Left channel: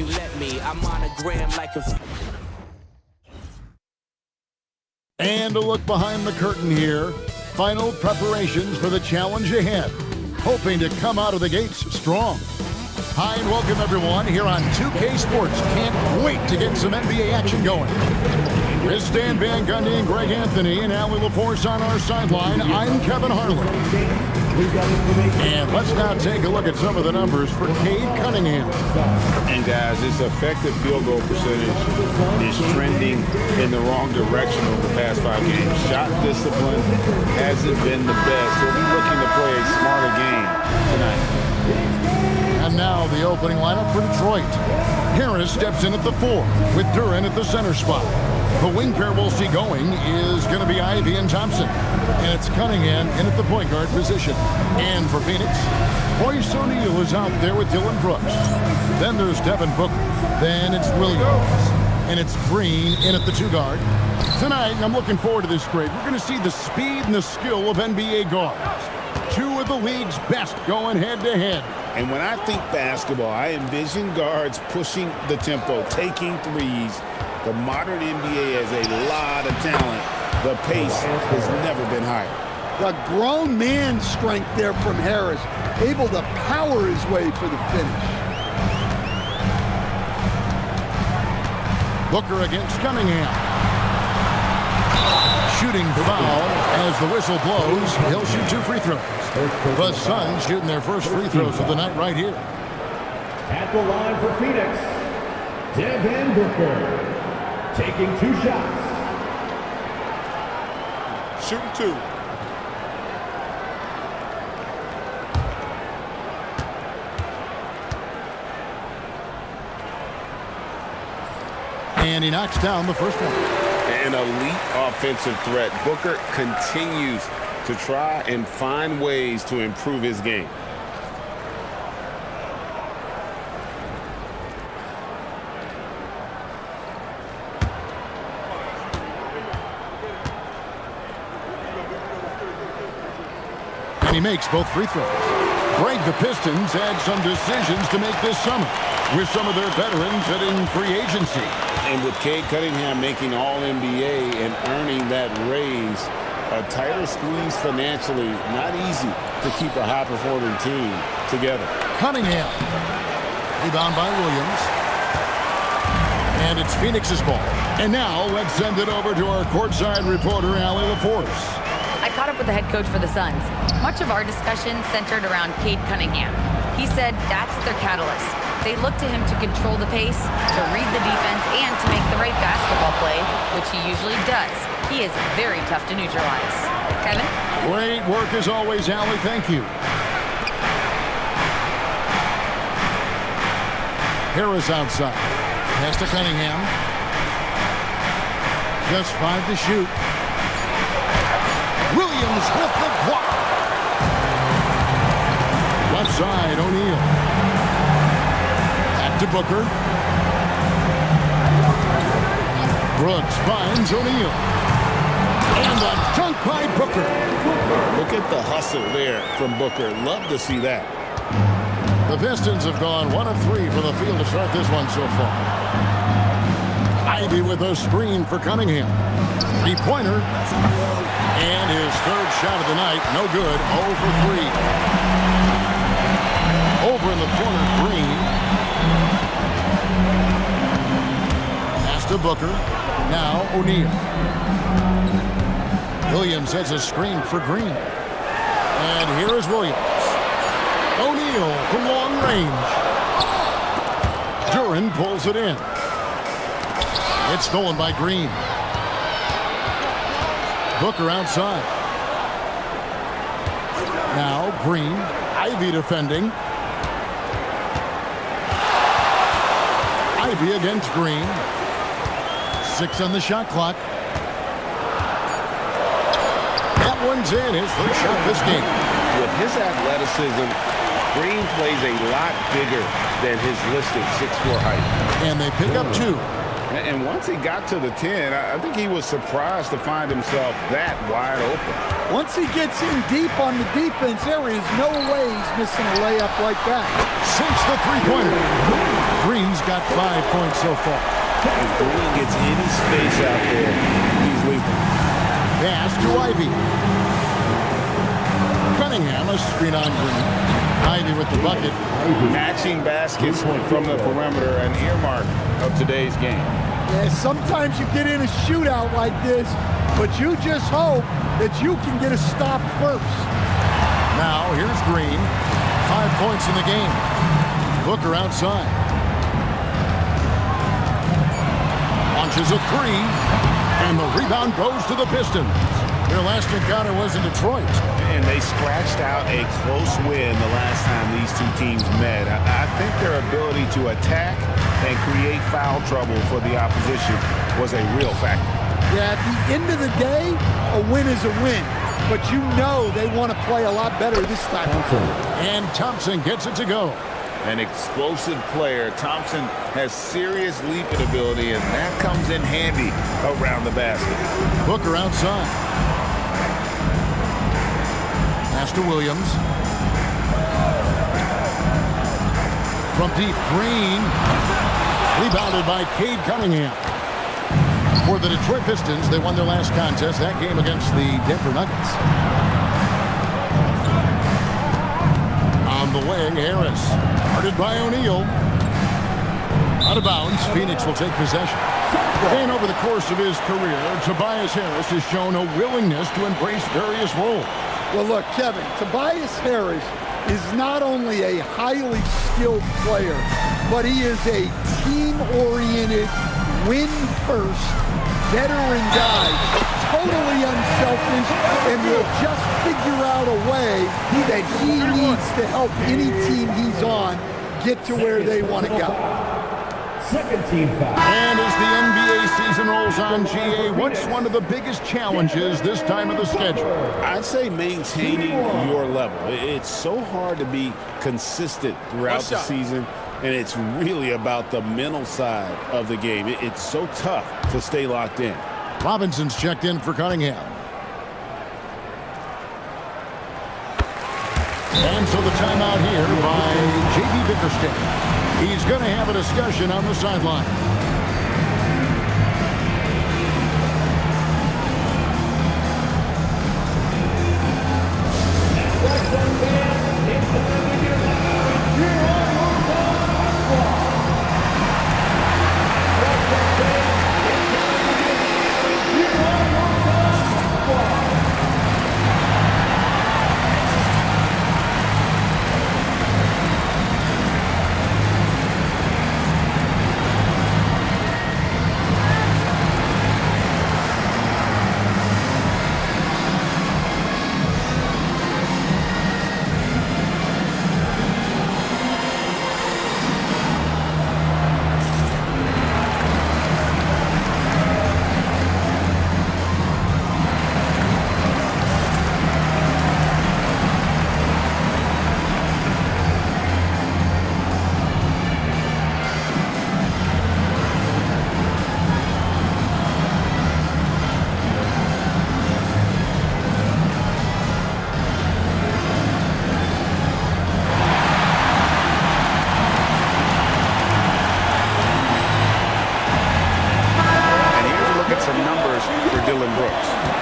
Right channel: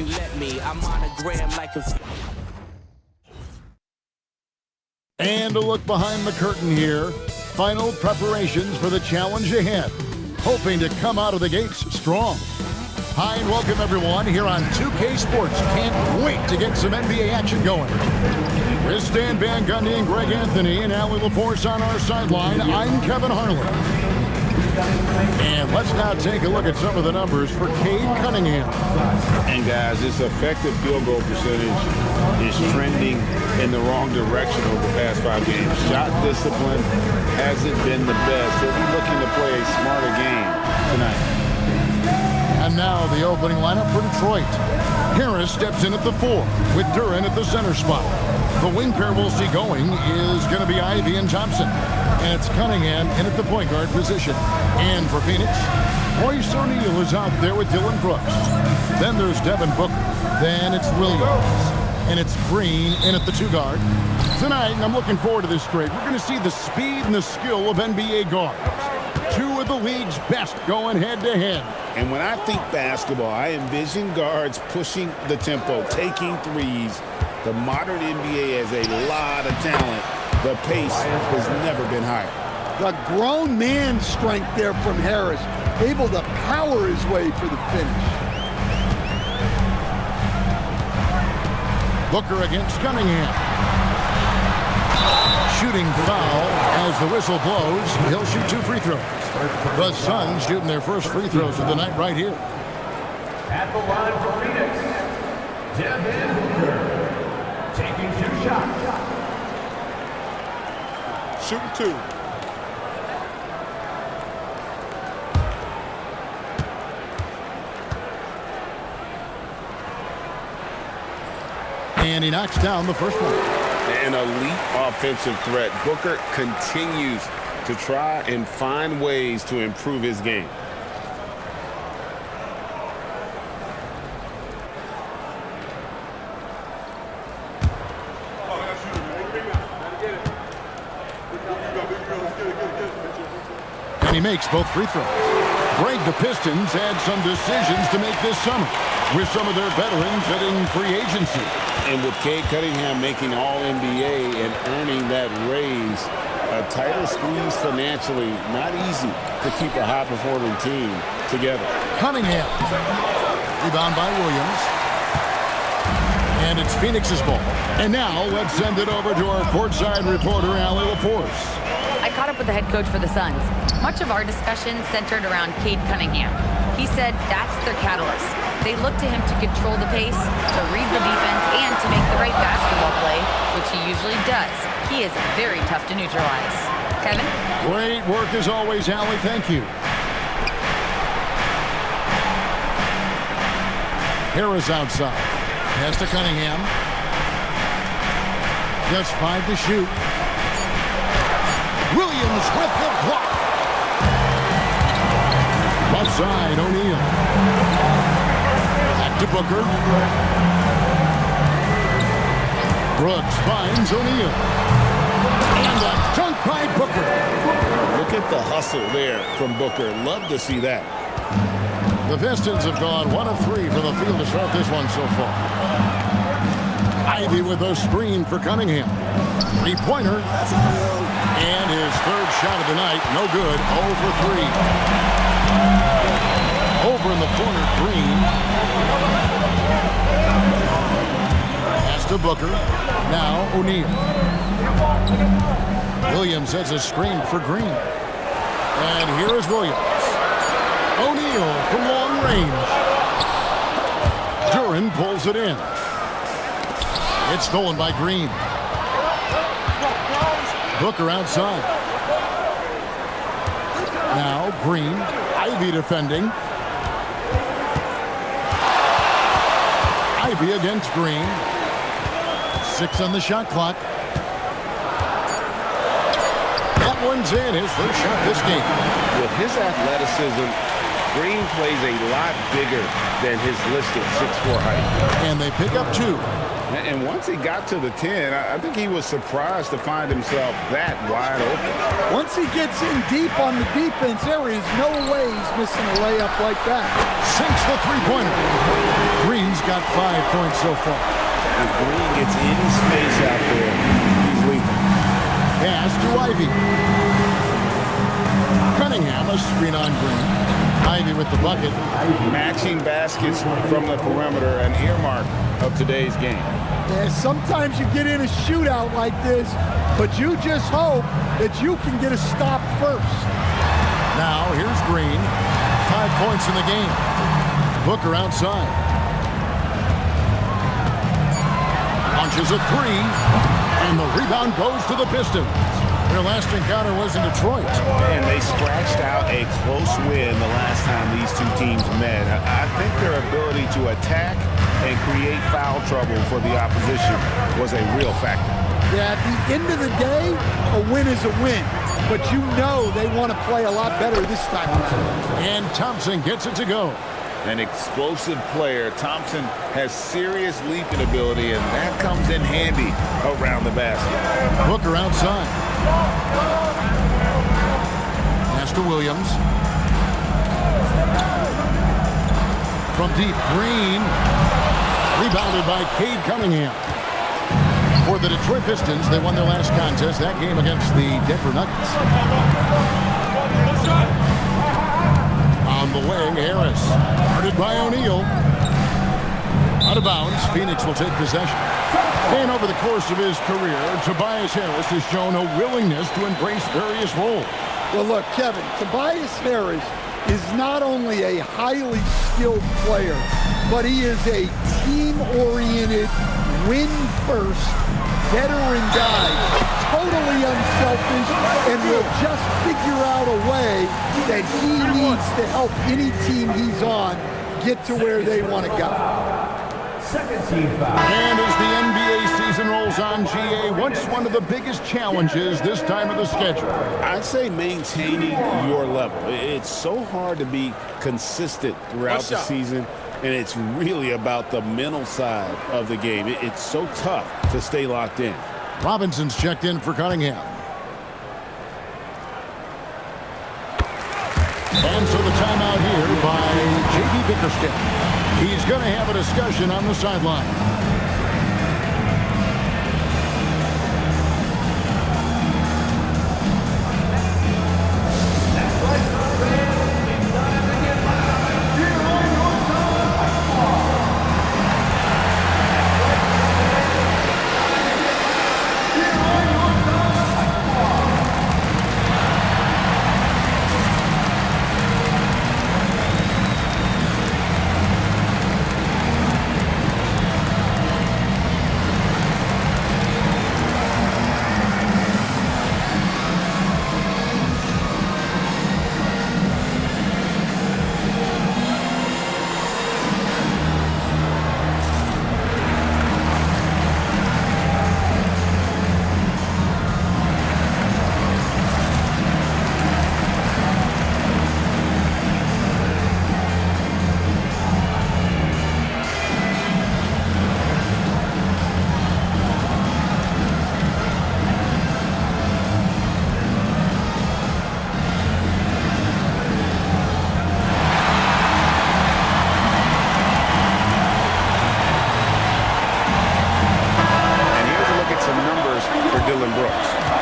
you let me. I'm monogram like a... And a look behind the curtain here. Final preparations for the challenge ahead. Hoping to come out of the gates strong. Hi and welcome everyone here on 2K Sports. Can't wait to get some NBA action going. With Stan Van Gundy and Greg Anthony and Allie LaForce on our sideline, I'm Kevin Harlan. And let's now take a look at some of the numbers for Cade Cunningham. And guys, his effective field goal percentage is trending in the wrong direction over the past 5 games. Shot discipline hasn't been the best. He'll be looking to play a smarter game tonight. And now the opening lineup for Detroit. Harris steps in at the 4 with Duren at the center spot. The wing pair we'll see going is going to be Ivy and Thompson. And it's Cunningham in at the point guard position. And for Phoenix, Royce O'Neal is out there with Dylan Brooks. Then there's Devin Booker. Then it's Williams. And it's Green in at the 2 guard. Tonight, I'm looking forward to this grade. We're going to see the speed and the skill of NBA guards. 2 of the league's best going head-to-head. And when I think basketball, I envision guards pushing the tempo, taking threes. The modern NBA has a lot of talent. The pace has never been higher. The grown man strength there from Harris, able to power his way for the finish. Booker against Cunningham. Shooting foul as the whistle blows. He'll shoot 2 free throws. The Suns shooting their first free throws of the night right here. At the line for Phoenix, Devin Booker. Taking 2 shots. Shooting 2. And he knocks down the first one. An elite offensive threat. Booker continues to try and find ways to improve his game. And he makes both free throws. Greg, the Pistons had some decisions to make this summer with some of their veterans hitting free agency. And with Cade Cunningham making All-NBA and earning that raise, a tighter squeeze financially, not easy to keep a high-performing team together. Cunningham. Rebound by Williams. And it's Phoenix's ball. And now let's send it over to our courtside reporter, Allie LaForce. I caught up with the head coach for the Suns. Much of our discussion centered around Cade Cunningham. He said that's their catalyst. They look to him to control the pace, to read the defense, and to make the right basketball play, which he usually does. He is very tough to neutralize. Kevin? Great work as always, Allie. Thank you. Harris outside. Pass to Cunningham. Just 5 to shoot. Williams with the block. Left side, O'Neal. Back to Booker. Brooks finds O'Neal. And a dunk by Booker. Look at the hustle there from Booker. Love to see that. The Pistons have gone 1 of 3 from the field to start this one so far. Ivy with a screen for Cunningham. 3-pointer. And his 3rd shot of the night, no good, 0 for 3. Over in the corner, Green. Pass to Booker. Now O'Neal. Williams has a screen for Green. And here is Williams. O'Neal from long range. Duren pulls it in. It's stolen by Green. Booker outside. Now Green. Ivy defending. Ivy against Green. 6 on the shot clock. That one's in. His first shot this game. With his athleticism, Green plays a lot bigger than his listed 6'4" height. And they pick up 2. And once he got to the 10, I think he was surprised to find himself that wide open. Once he gets in deep on the defense, there is no way he's missing a layup like that. Sinks the 3-pointer. Green's got 5 points so far. If Green gets any space out there, he's lethal. Pass to Ivy. Cunningham, a screen on Green. Ivy with the bucket. Matching baskets from the perimeter, an earmark of today's game. Yeah, sometimes you get in a shootout like this, but you just hope that you can get a stop first. Now, here's Green. 5 points in the game. Booker outside. Launches a three, and the rebound goes to the Pistons. Their last encounter was in Detroit. And they scratched out a close win the last time these two teams met. I think their ability to attack and create foul trouble for the opposition was a real factor. Yeah, at the end of the day, a win is a win. But you know they want to play a lot better this time around. And Thompson gets it to go. An explosive player. Thompson has serious leaping ability, and that comes in handy around the basket. Booker outside. Pass to Williams. From deep, Green. Rebounded by Cade Cunningham. For the Detroit Pistons, they won their last contest, that game against the Denver Nuggets. On the wing, Harris. Guarded by O'Neal. Out of bounds, Phoenix will take possession. And over the course of his career, Tobias Harris has shown a willingness to embrace various roles. Well, look, Kevin, Tobias Harris is not only a highly skilled player, but he is a team-oriented, win-first, veteran guy, totally unselfish, and will just figure out a way that he needs to help any team he's on get to where they want to go. Second team foul. And as the NBA season rolls on, GA, what's one of the biggest challenges this time of the schedule? I'd say maintaining your level. It's so hard to be consistent throughout the season, and it's really about the mental side of the game. It's so tough to stay locked in. Robinson's checked in for Cunningham. And so the timeout here by J.B. Bickerstaff. He's going to have a discussion on the sideline.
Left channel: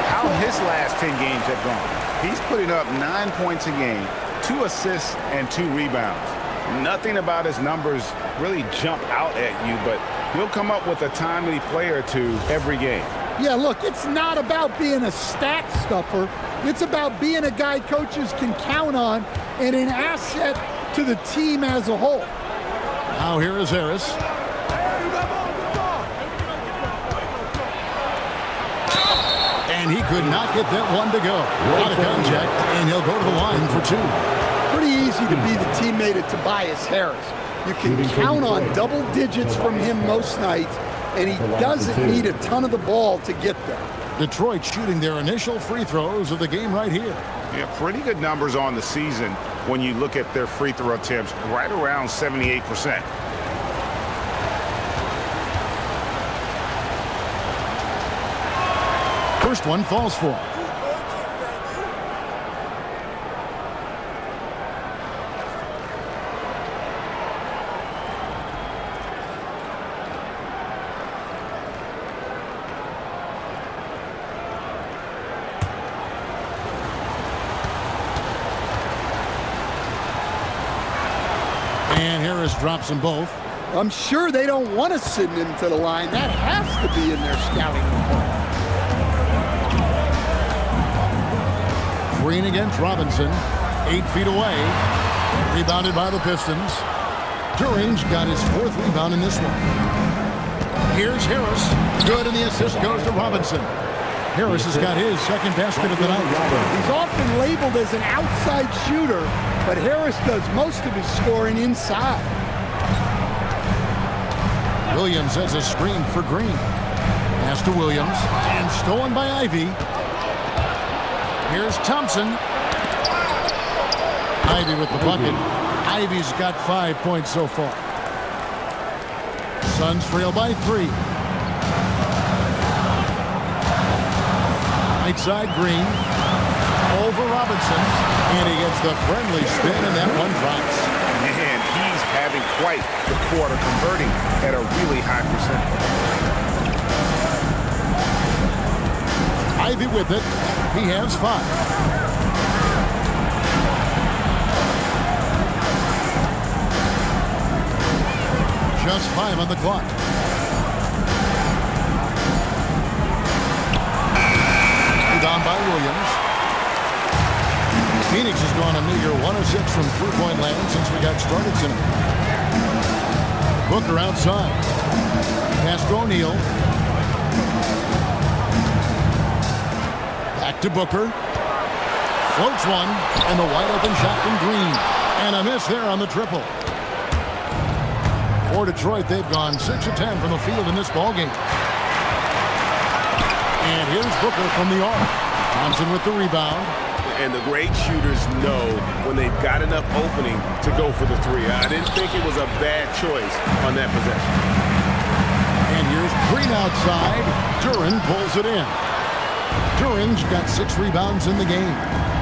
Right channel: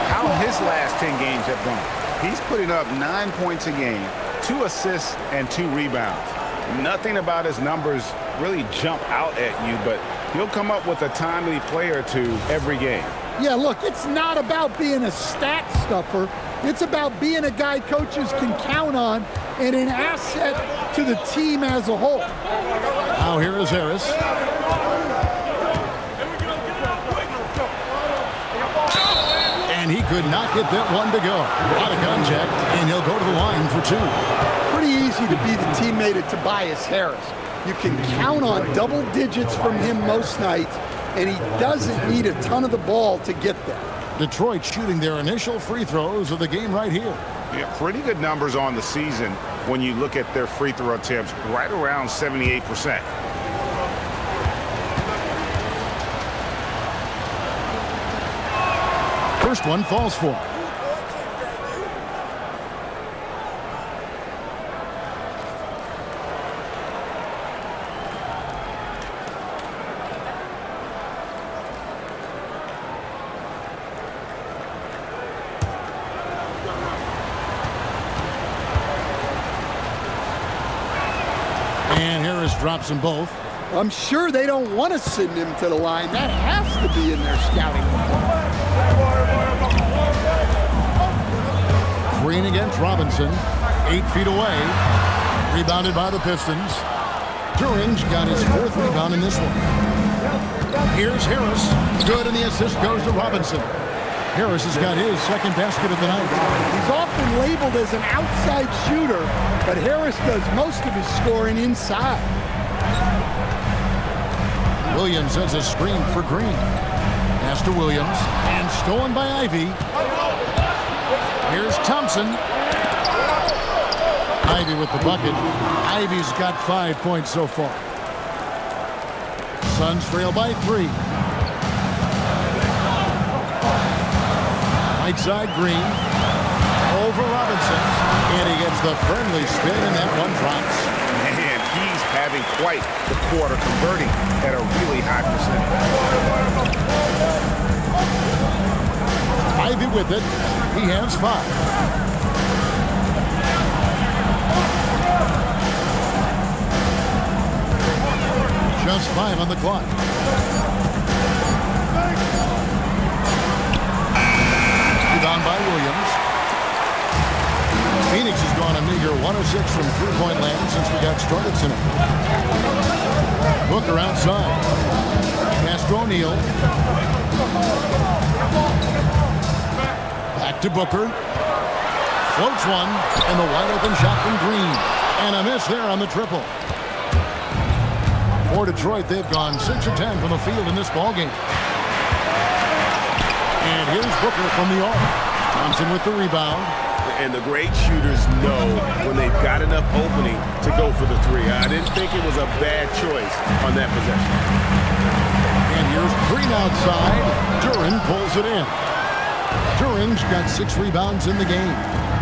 How his last 10 games have gone. He's putting up 9 points a game, 2 assists, and 2 rebounds. Nothing about his numbers really jump out at you, but he'll come up with a timely play or two every game. Yeah, look, it's not about being a stat stuffer. It's about being a guy coaches can count on and an asset to the team as a whole. Now here is Harris. And he could not get that one to go. Out of contact, and he'll go to the line for 2. Pretty easy to be the teammate of Tobias Harris. You can count on double digits from him most nights, and he doesn't need a ton of the ball to get that. Detroit shooting their initial free throws of the game right here. Yeah, pretty good numbers on the season when you look at their free throw attempts, right around 78%. First one falls for. Harris drops them both. I'm sure they don't want to send him to the line. That has to be in their scouting report. Green against Robinson. 8 feet away. Rebounded by the Pistons. Duran's got his 4th rebound in this one. Here's Harris. Good, and the assist goes to Robinson. Harris has got his 2nd basket of the night. He's often labeled as an outside shooter, but Harris does most of his scoring inside. Williams has a screen for Green. Pass to Williams, and stolen by Ivy. Here's Thompson. Ivy with the bucket. Ivy's got 5 points so far. Suns trail by 3. Right side, Green. Over Robinson. And he gets the friendly spin, and that one drops. Man, he's having quite the quarter, converting at a really high percentage. Ivy with it. He has 5. Just 5 on the clock. Rebound by Williams. Phoenix has gone a meager 1 of 6 from three-point land since we got started tonight. Booker outside. Pass to O'Neal. Back to Booker. Floats one, and the wide-open shot from Green. And a miss there on the triple. For Detroit, they've gone 6 of 10 from the field in this ballgame. And here's Booker from the arc. Thompson with the rebound. And the great shooters know when they've got enough opening to go for the 3. I didn't think it was a bad choice on that possession. And here's Green outside. Duran pulls it in. Duran's got 6 rebounds in the game.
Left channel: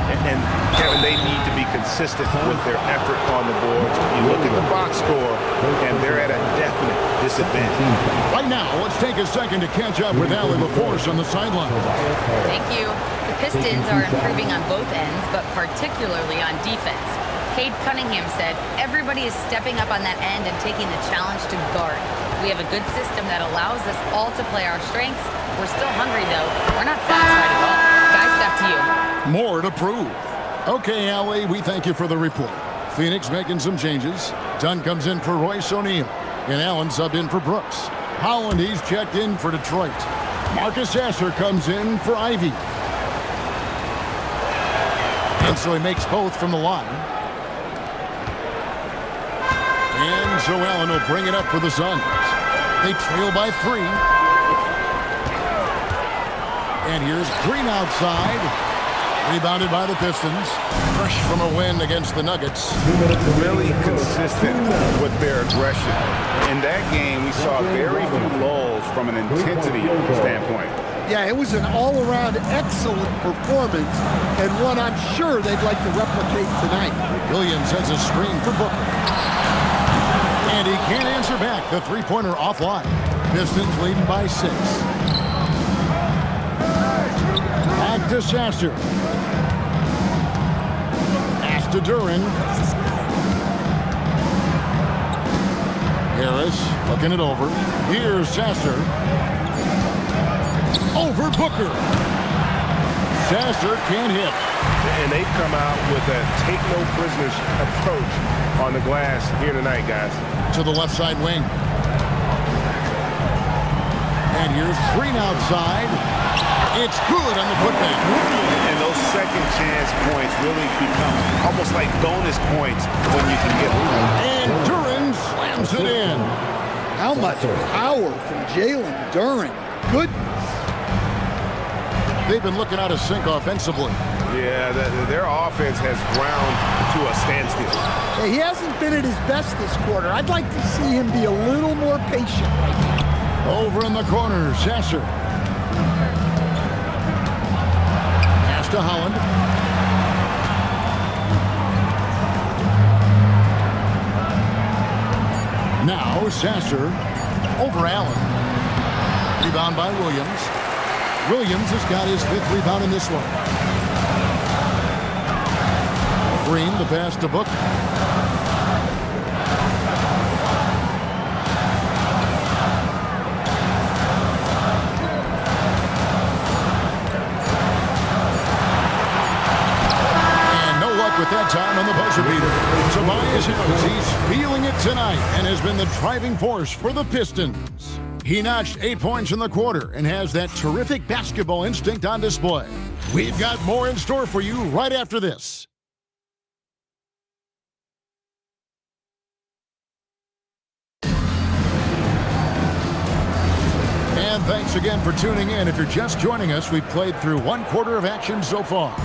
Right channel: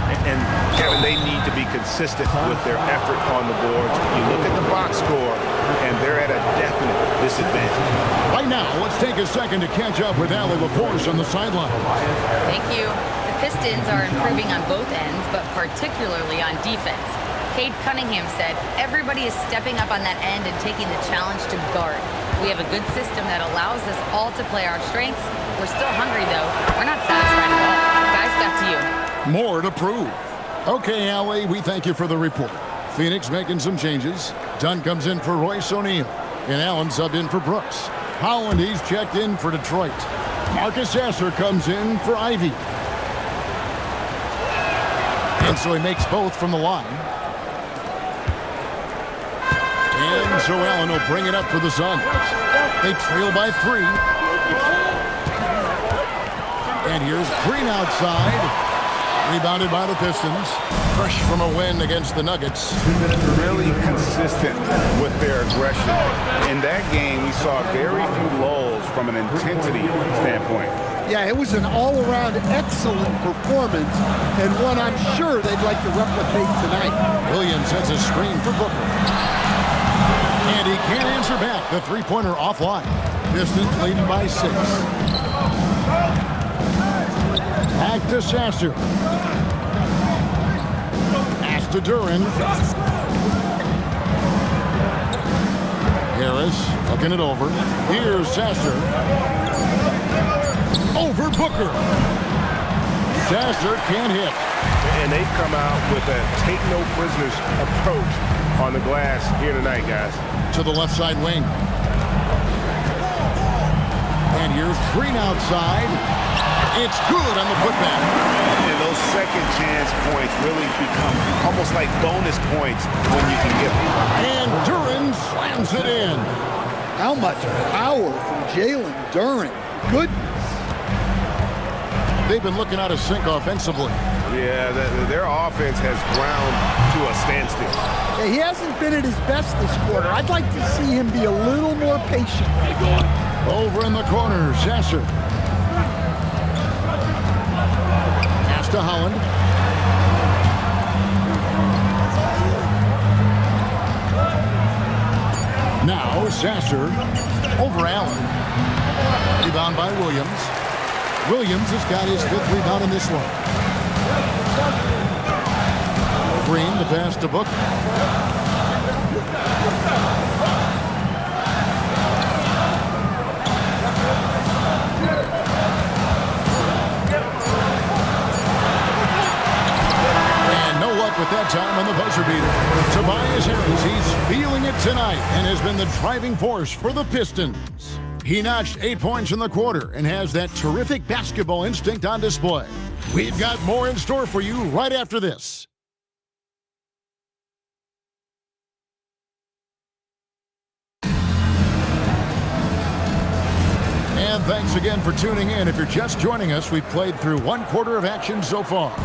And Kevin, they need to be consistent with their effort on the boards. You look at the box score, and they're at a definite disadvantage. Right now, let's take a second to catch up with Allie LaForce on the sideline. Thank you. The Pistons are improving on both ends, but particularly on defense. Cade Cunningham said, everybody is stepping up on that end and taking the challenge to guard. We have a good system that allows us all to play our strengths. We're still hungry, though. We're not satisfied at all. Guys, back to you. More to prove. Okay, Allie, we thank you for the report. Phoenix making some changes. Dunn comes in for Royce O'Neal. And Allen subbed in for Brooks. Holland, he's checked in for Detroit. Marcus Sasser comes in for Ivy. And so he makes both from the line. And so Allen will bring it up for the Suns. They trail by 3. And here's Green outside. Rebounded by the Pistons. Fresh from a win against the Nuggets. Really consistent with their aggression. In that game, we saw very few lulls from an intensity standpoint. Yeah, it was an all-around excellent performance, and one I'm sure they'd like to replicate tonight. Williams has a screen for Booker. And he can't answer back. The three-pointer offline. Pistons leading by 6. Back to Sasser. Pass to Duran. Harris looking it over. Here's Sasser. Over Booker. Sasser can't hit. And they've come out with a take-no-prisoners approach on the glass here tonight, guys. To the left side wing. And here's Green outside. It's good on the putback. And those second chance points really become almost like bonus points when you can get them. And Duran slams it in. How much power from Jalen Duran. Goodness. They've been looking out of sync offensively. Yeah, their offense has ground to a standstill. Yeah, he hasn't been at his best this quarter. I'd like to see him be a little more patient right now. Over in the corner, Sasser. Pass to Holland. Now Sasser over Allen. Rebound by Williams. Williams has got his 5th rebound in this one. Green, the pass to Booker. with that time on the buzzer beater. Tobias Harris, he's feeling it tonight and has been the driving force for the Pistons. He notched 8 points in the quarter and has that terrific basketball instinct on display. We've got more in store for you right after this. And thanks again for tuning in. If you're just joining us, we've played through 1 quarter of action so far.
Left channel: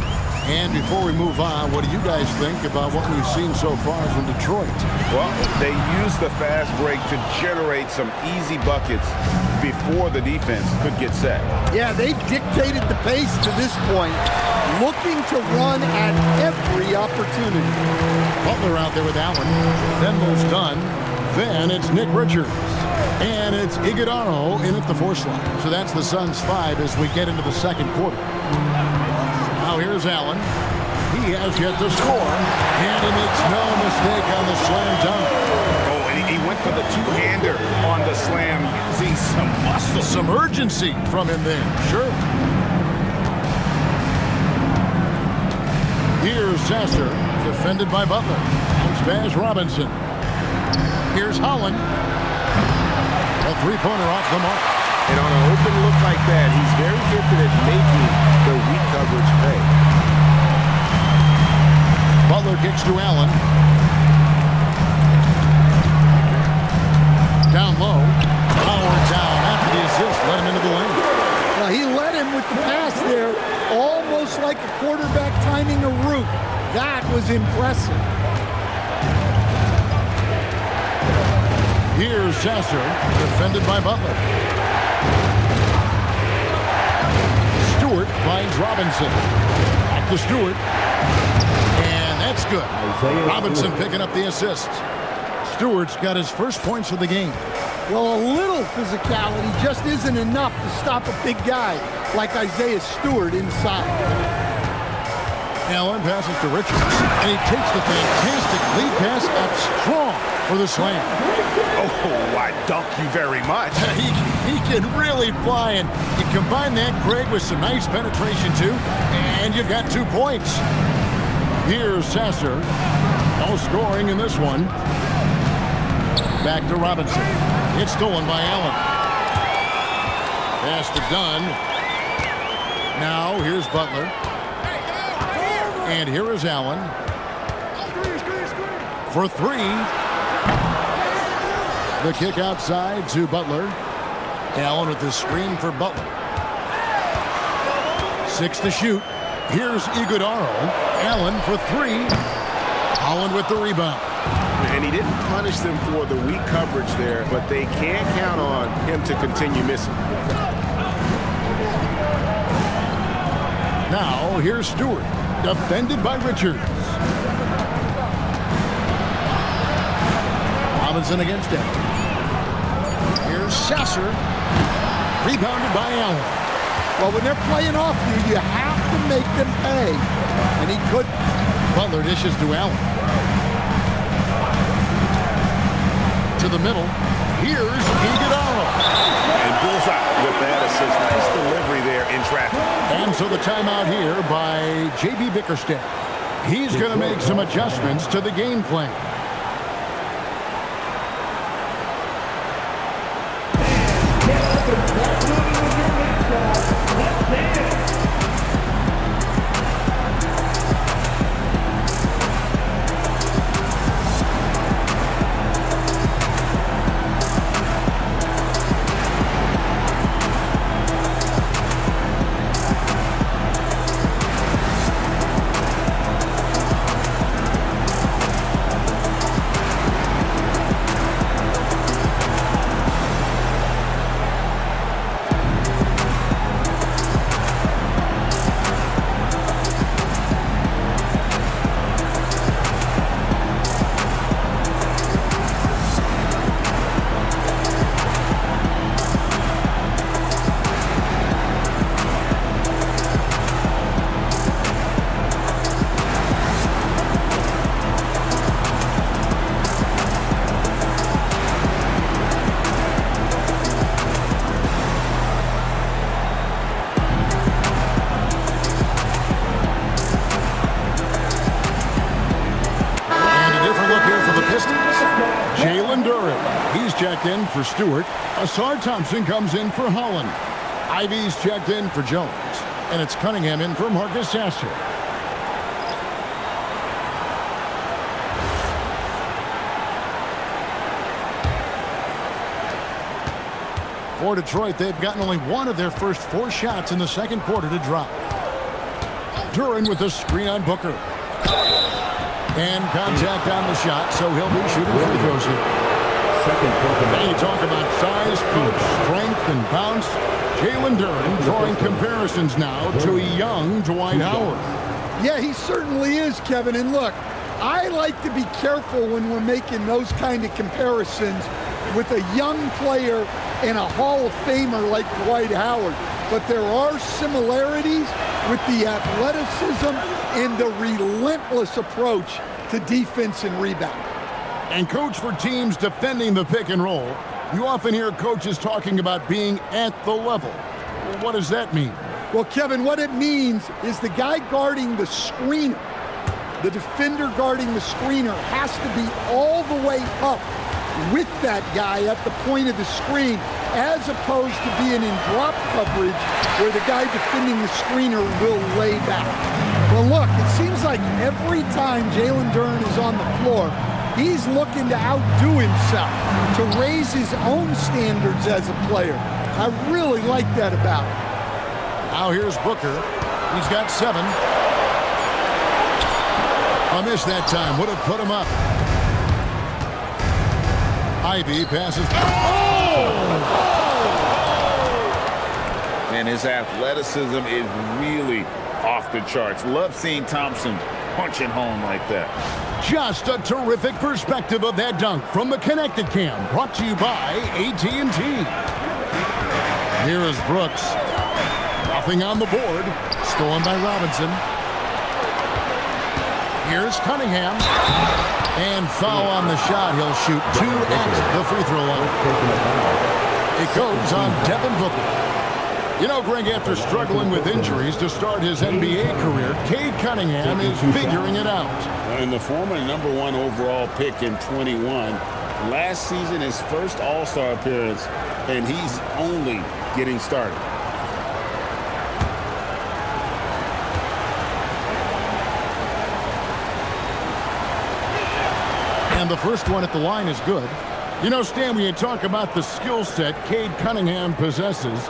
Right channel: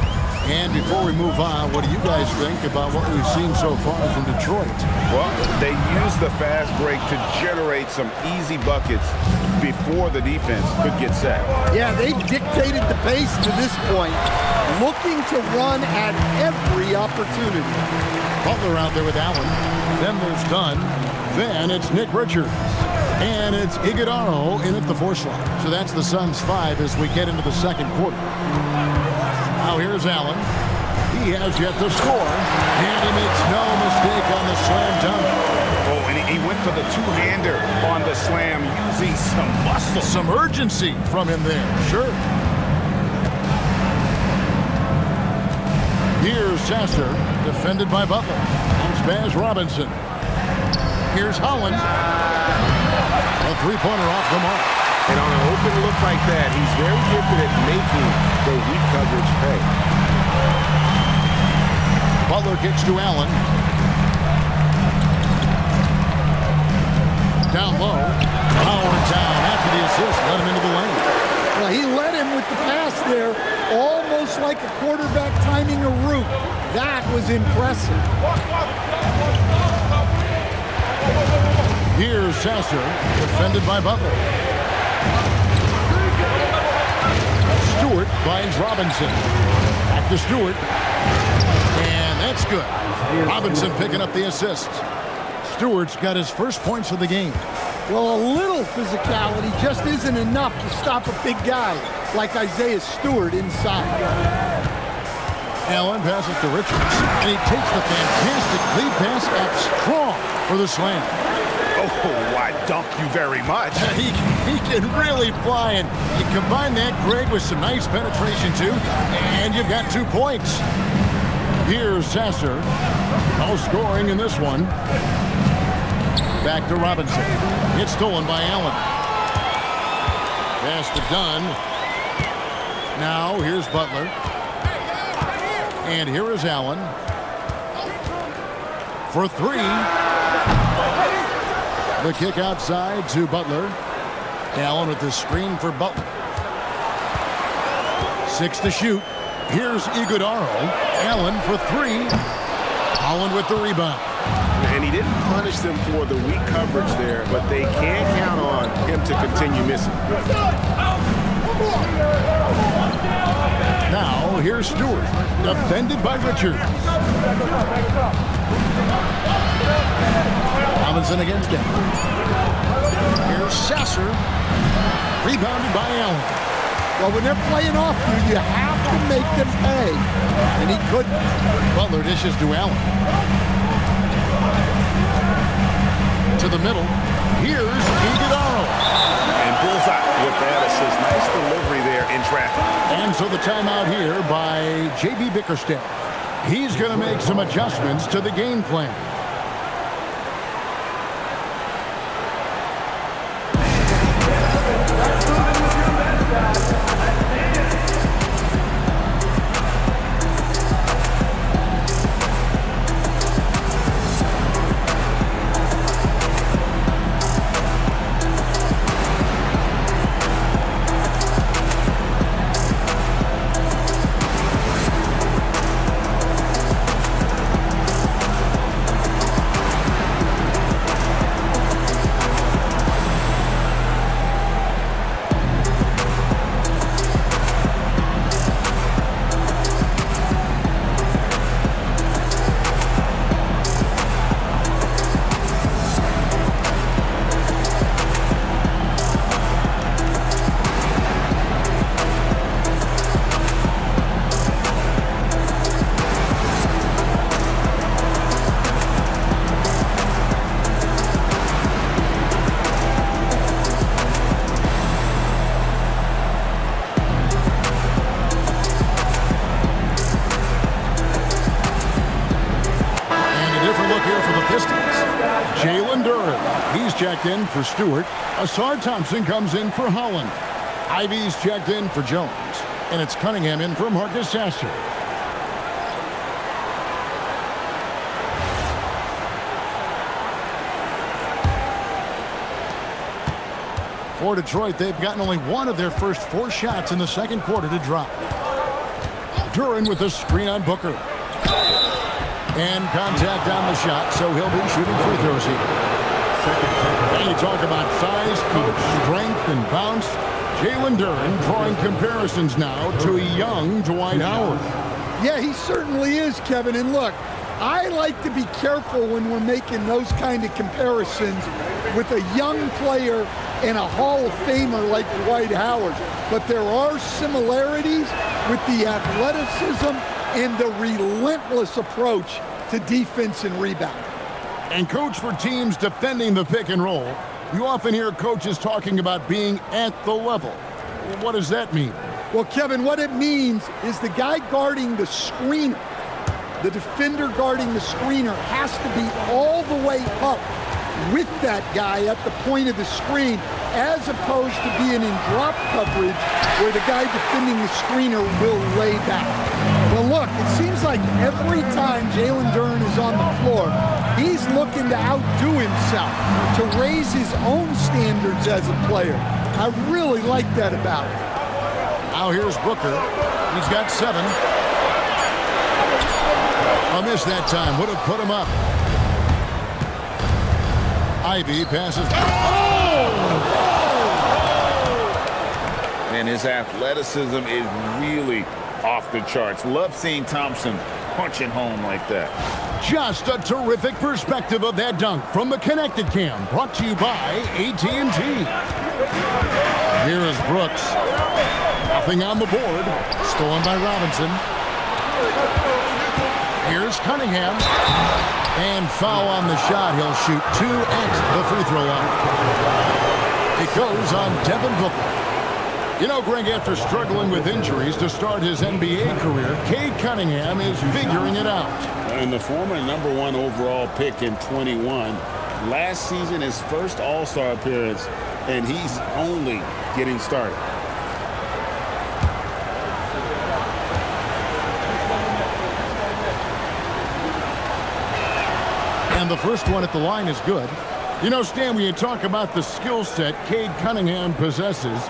And before we move on, what do you guys think about what we've seen so far from Detroit? Well, they used the fast break to generate some easy buckets before the defense could get set. Yeah, they've dictated the pace to this point, looking to run at every opportunity. Butler out there with Allen. Then there's Dunn. Then it's Nick Richards. And it's Iguodala in at the 4 slot. So that's the Suns' 5 as we get into the second quarter. Now here's Allen. He has yet to score. And he makes no mistake on the slam dunk. Oh, and he went for the two-hander on the slam using some muscle. Some urgency from him there, sure. Here's Sasser, defended by Butler. Comes Baz Robinson. Here's Holland. A three-pointer off the mark. And on an open look like that, he's very gifted at making the weak coverage pay. Butler kicks to Allen. Down low. Power down after the assist. Let him into the lane. Well, he led him with the pass there, almost like a quarterback timing a route. That was impressive. Here's Sasser, defended by Butler. Stewart finds Robinson. Back to Stewart. And that's good. Robinson picking up the assist. Stewart's got his first points of the game. Well, a little physicality just isn't enough to stop a big guy like Isaiah Stewart inside. Allen passes to Richards, and he takes the fantastic lead pass up strong for the slam. Oh, I dunk you very much. He can really fly, and you combine that, Greg, with some nice penetration, too, and you've got 2 points. Here's Sasser. No scoring in this one. Back to Robinson. It's stolen by Allen. Pass to Dunn. Now, here's Butler. And here is Allen. For 3. The kick outside to Butler. Allen with the screen for Butler. 6 to shoot. Here's Iguodala. Allen for 3. Holland with the rebound. And he didn't punish them for the weak coverage there, but they can't count on him to continue missing. Now, here's Stewart, defended by Richards. Robinson against Allen. Here's Sasser, rebounded by Allen. Well, when they're playing off you, you have to make them pay. And he couldn't. Butler dishes to Allen. To the middle. Here's Iguodala. And bullseye with that assist. Nice delivery there in traffic. And so the timeout here by J.B. Bickerstaff. He's going to make some adjustments to the game plan. Pistons. Jalen Duren, he's checked in for Stewart. Asar Thompson comes in for Holland. Ivy's checked in for Jones. And it's Cunningham in for Marcus Sasser. For Detroit, they've gotten only one of their first 4 shots in the second quarter to drop. Duren with a screen on Booker. And contact on the shot, so he'll be shooting free throws here. And you talk about size, coach, strength, and bounce. Jalen Duren drawing comparisons now to a young Dwight Howard. Yeah, he certainly is, Kevin. And look, I like to be careful when we're making those kind of comparisons with a young player and a Hall of Famer like Dwight Howard. But there are similarities with the athleticism and the relentless approach to defense and rebound. And coach, for teams defending the pick and roll, you often hear coaches talking about being at the level. What does that mean? Well, Kevin, what it means is the guy guarding the screener, the defender guarding the screener, has to be all the way up with that guy at the point of the screen, as opposed to being in drop coverage where the guy defending the screener will lay back. Well, look, it seems like every time Jalen Duren is on the floor, he's looking to outdo himself, to raise his own standards as a player. I really like that about him. Now here's Booker. He's got 7. A miss that time would have put him up. Ivy passes. And his athleticism is really off the charts. Love seeing Thompson punching home like that. Just a terrific perspective of that dunk from the Connected Cam, brought to you by AT&T. Here is Brooks. Nothing on the board. Stolen by Robinson. Here's Cunningham. And foul on the shot. He'll shoot 2 at the free throw line. It goes on Devin Booker. You know, Greg, after struggling with injuries to start his NBA career, Cade Cunningham is figuring it out. And the former #1 overall pick in 21. Last season, his first All-Star appearance, and he's only getting started. And the first one at the line is good. You know, Stan, when you talk about the skill set Cade Cunningham possesses,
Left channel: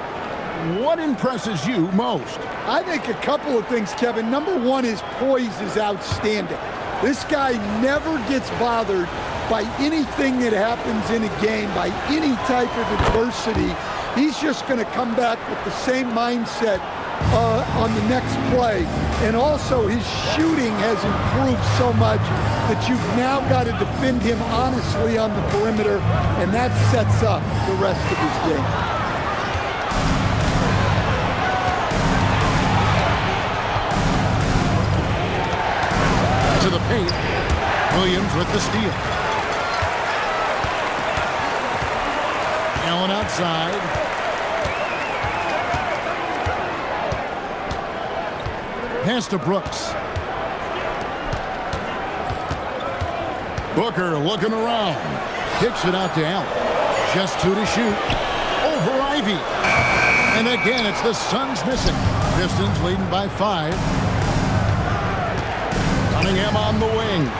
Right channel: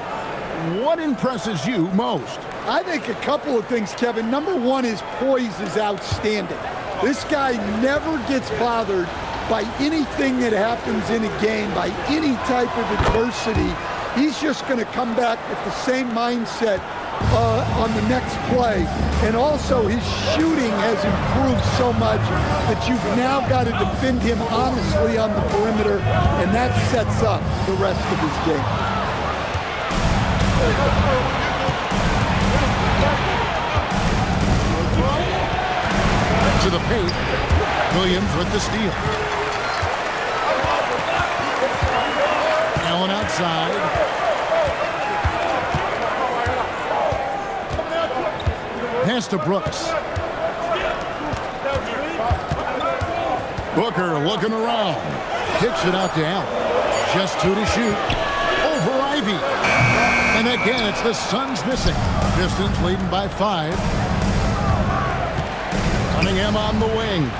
what impresses you most? I think a couple of things, Kevin. Number one, his poise is outstanding. This guy never gets bothered by anything that happens in a game, by any type of adversity. He's just going to come back with the same mindset on the next play. And also his shooting has improved so much that you've now got to defend him honestly on the perimeter, and that sets up the rest of his game. To the paint. Williams with the steal. Allen outside. Pass to Brooks. Booker looking around. Kicks it out to Allen. Just 2 to shoot. Over Ivy. And again, it's the Suns missing. Pistons leading by 5. Cunningham on the wing.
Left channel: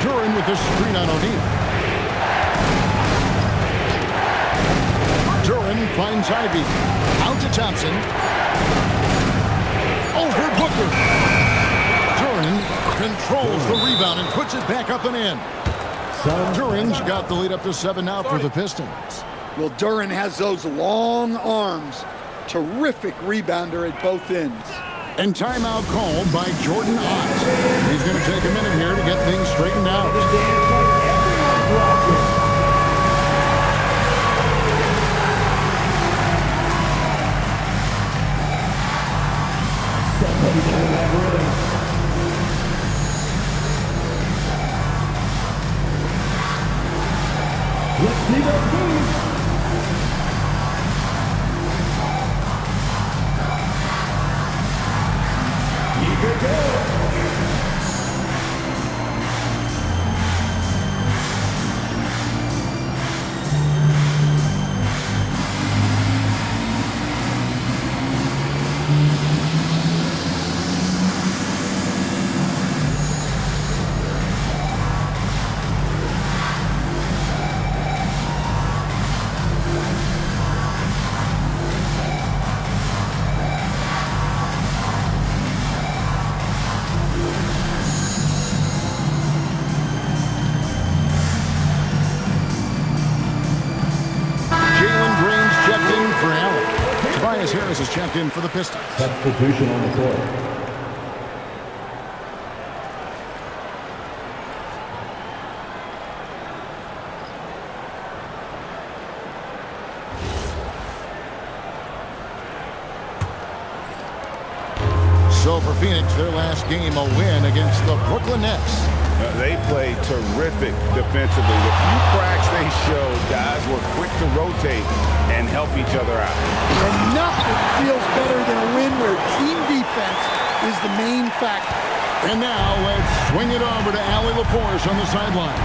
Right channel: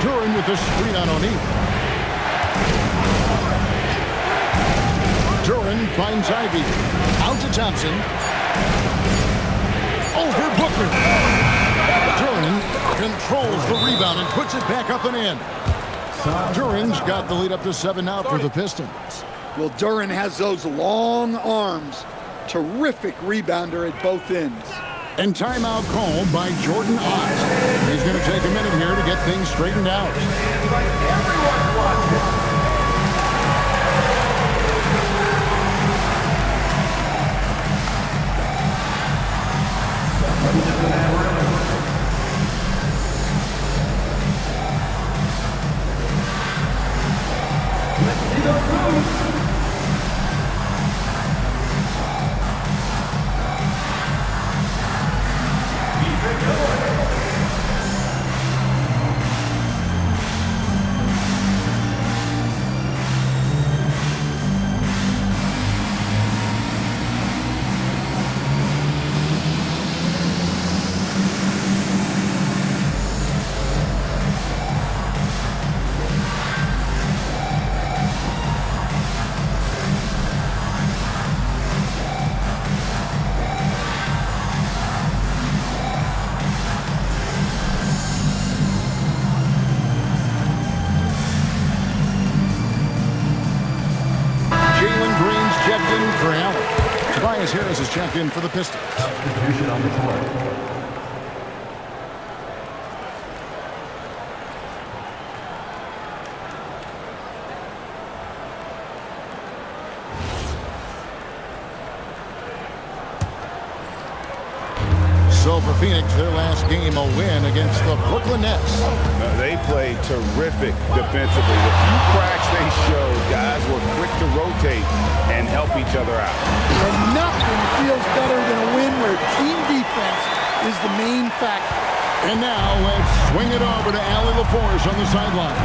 Duren with the screen on O'Neal. Duren finds Ivy. Out to Thompson. Over Booker. Duren controls the rebound and puts it back up and in. Duren's got the lead up to 7 now for the Pistons. Well, Duren has those long arms. Terrific rebounder at both ends. And timeout called by Jordan Ott. He's going to take a minute here to get things straightened out. Let's see those moves. Keep it going. Jalen Green's checked in for Allen. Tobias Harris is checked in for the Pistons. Substitution on the court. So for Phoenix, their last game a win against the Brooklyn Nets. They played terrific defensively. The few cracks they showed, guys were quick to rotate and help each other out. And nothing feels better than a win where team defense is the main factor. And now let's swing it over to Allie LaForce on the sideline.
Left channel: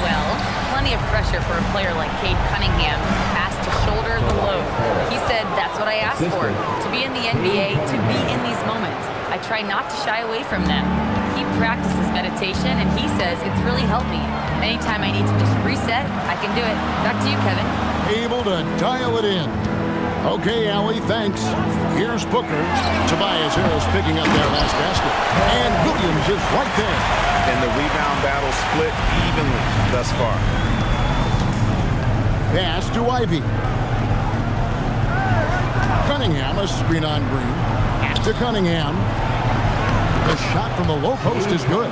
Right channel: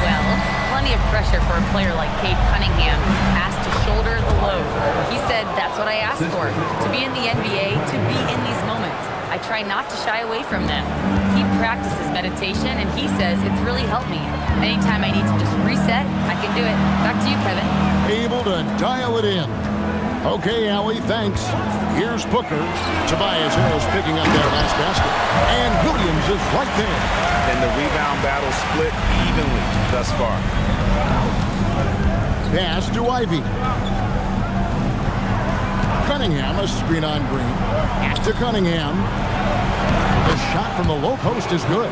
Well, plenty of pressure for a player like Cade Cunningham, asked to shoulder the load. He said, that's what I asked for, to be in the NBA, to be in these moments. I try not to shy away from them. He practices meditation, and he says it's really helped me. Anytime I need to just reset, I can do it. Back to you, Kevin. Able to dial it in. Okay, Allie, thanks. Here's Booker. Tobias Harris picking up their last basket. And Williams is right there. And the rebound battle split evenly thus far. Pass to Ivy. Cunningham, a screen on Green. To Cunningham. The shot from the low post is good.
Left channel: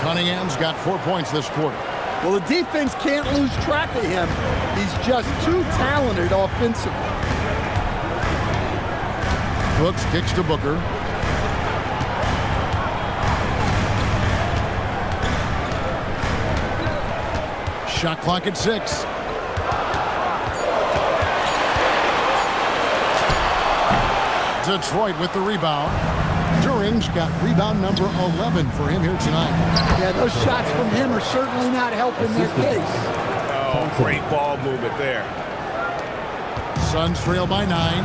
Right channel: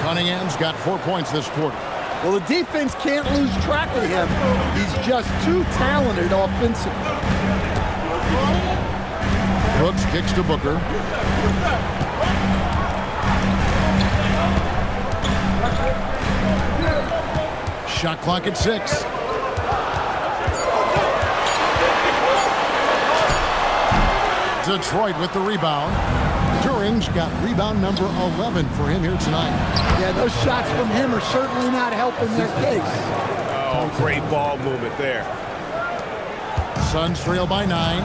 Cunningham's got 4 points this quarter. Well, the defense can't lose track of him. He's just too talented offensively. Brooks kicks to Booker. Shot clock at 6. Detroit with the rebound. Duran's got rebound number 11 for him here tonight. Yeah, those shots from him are certainly not helping their case. Oh, great ball movement there. Suns trail by 9.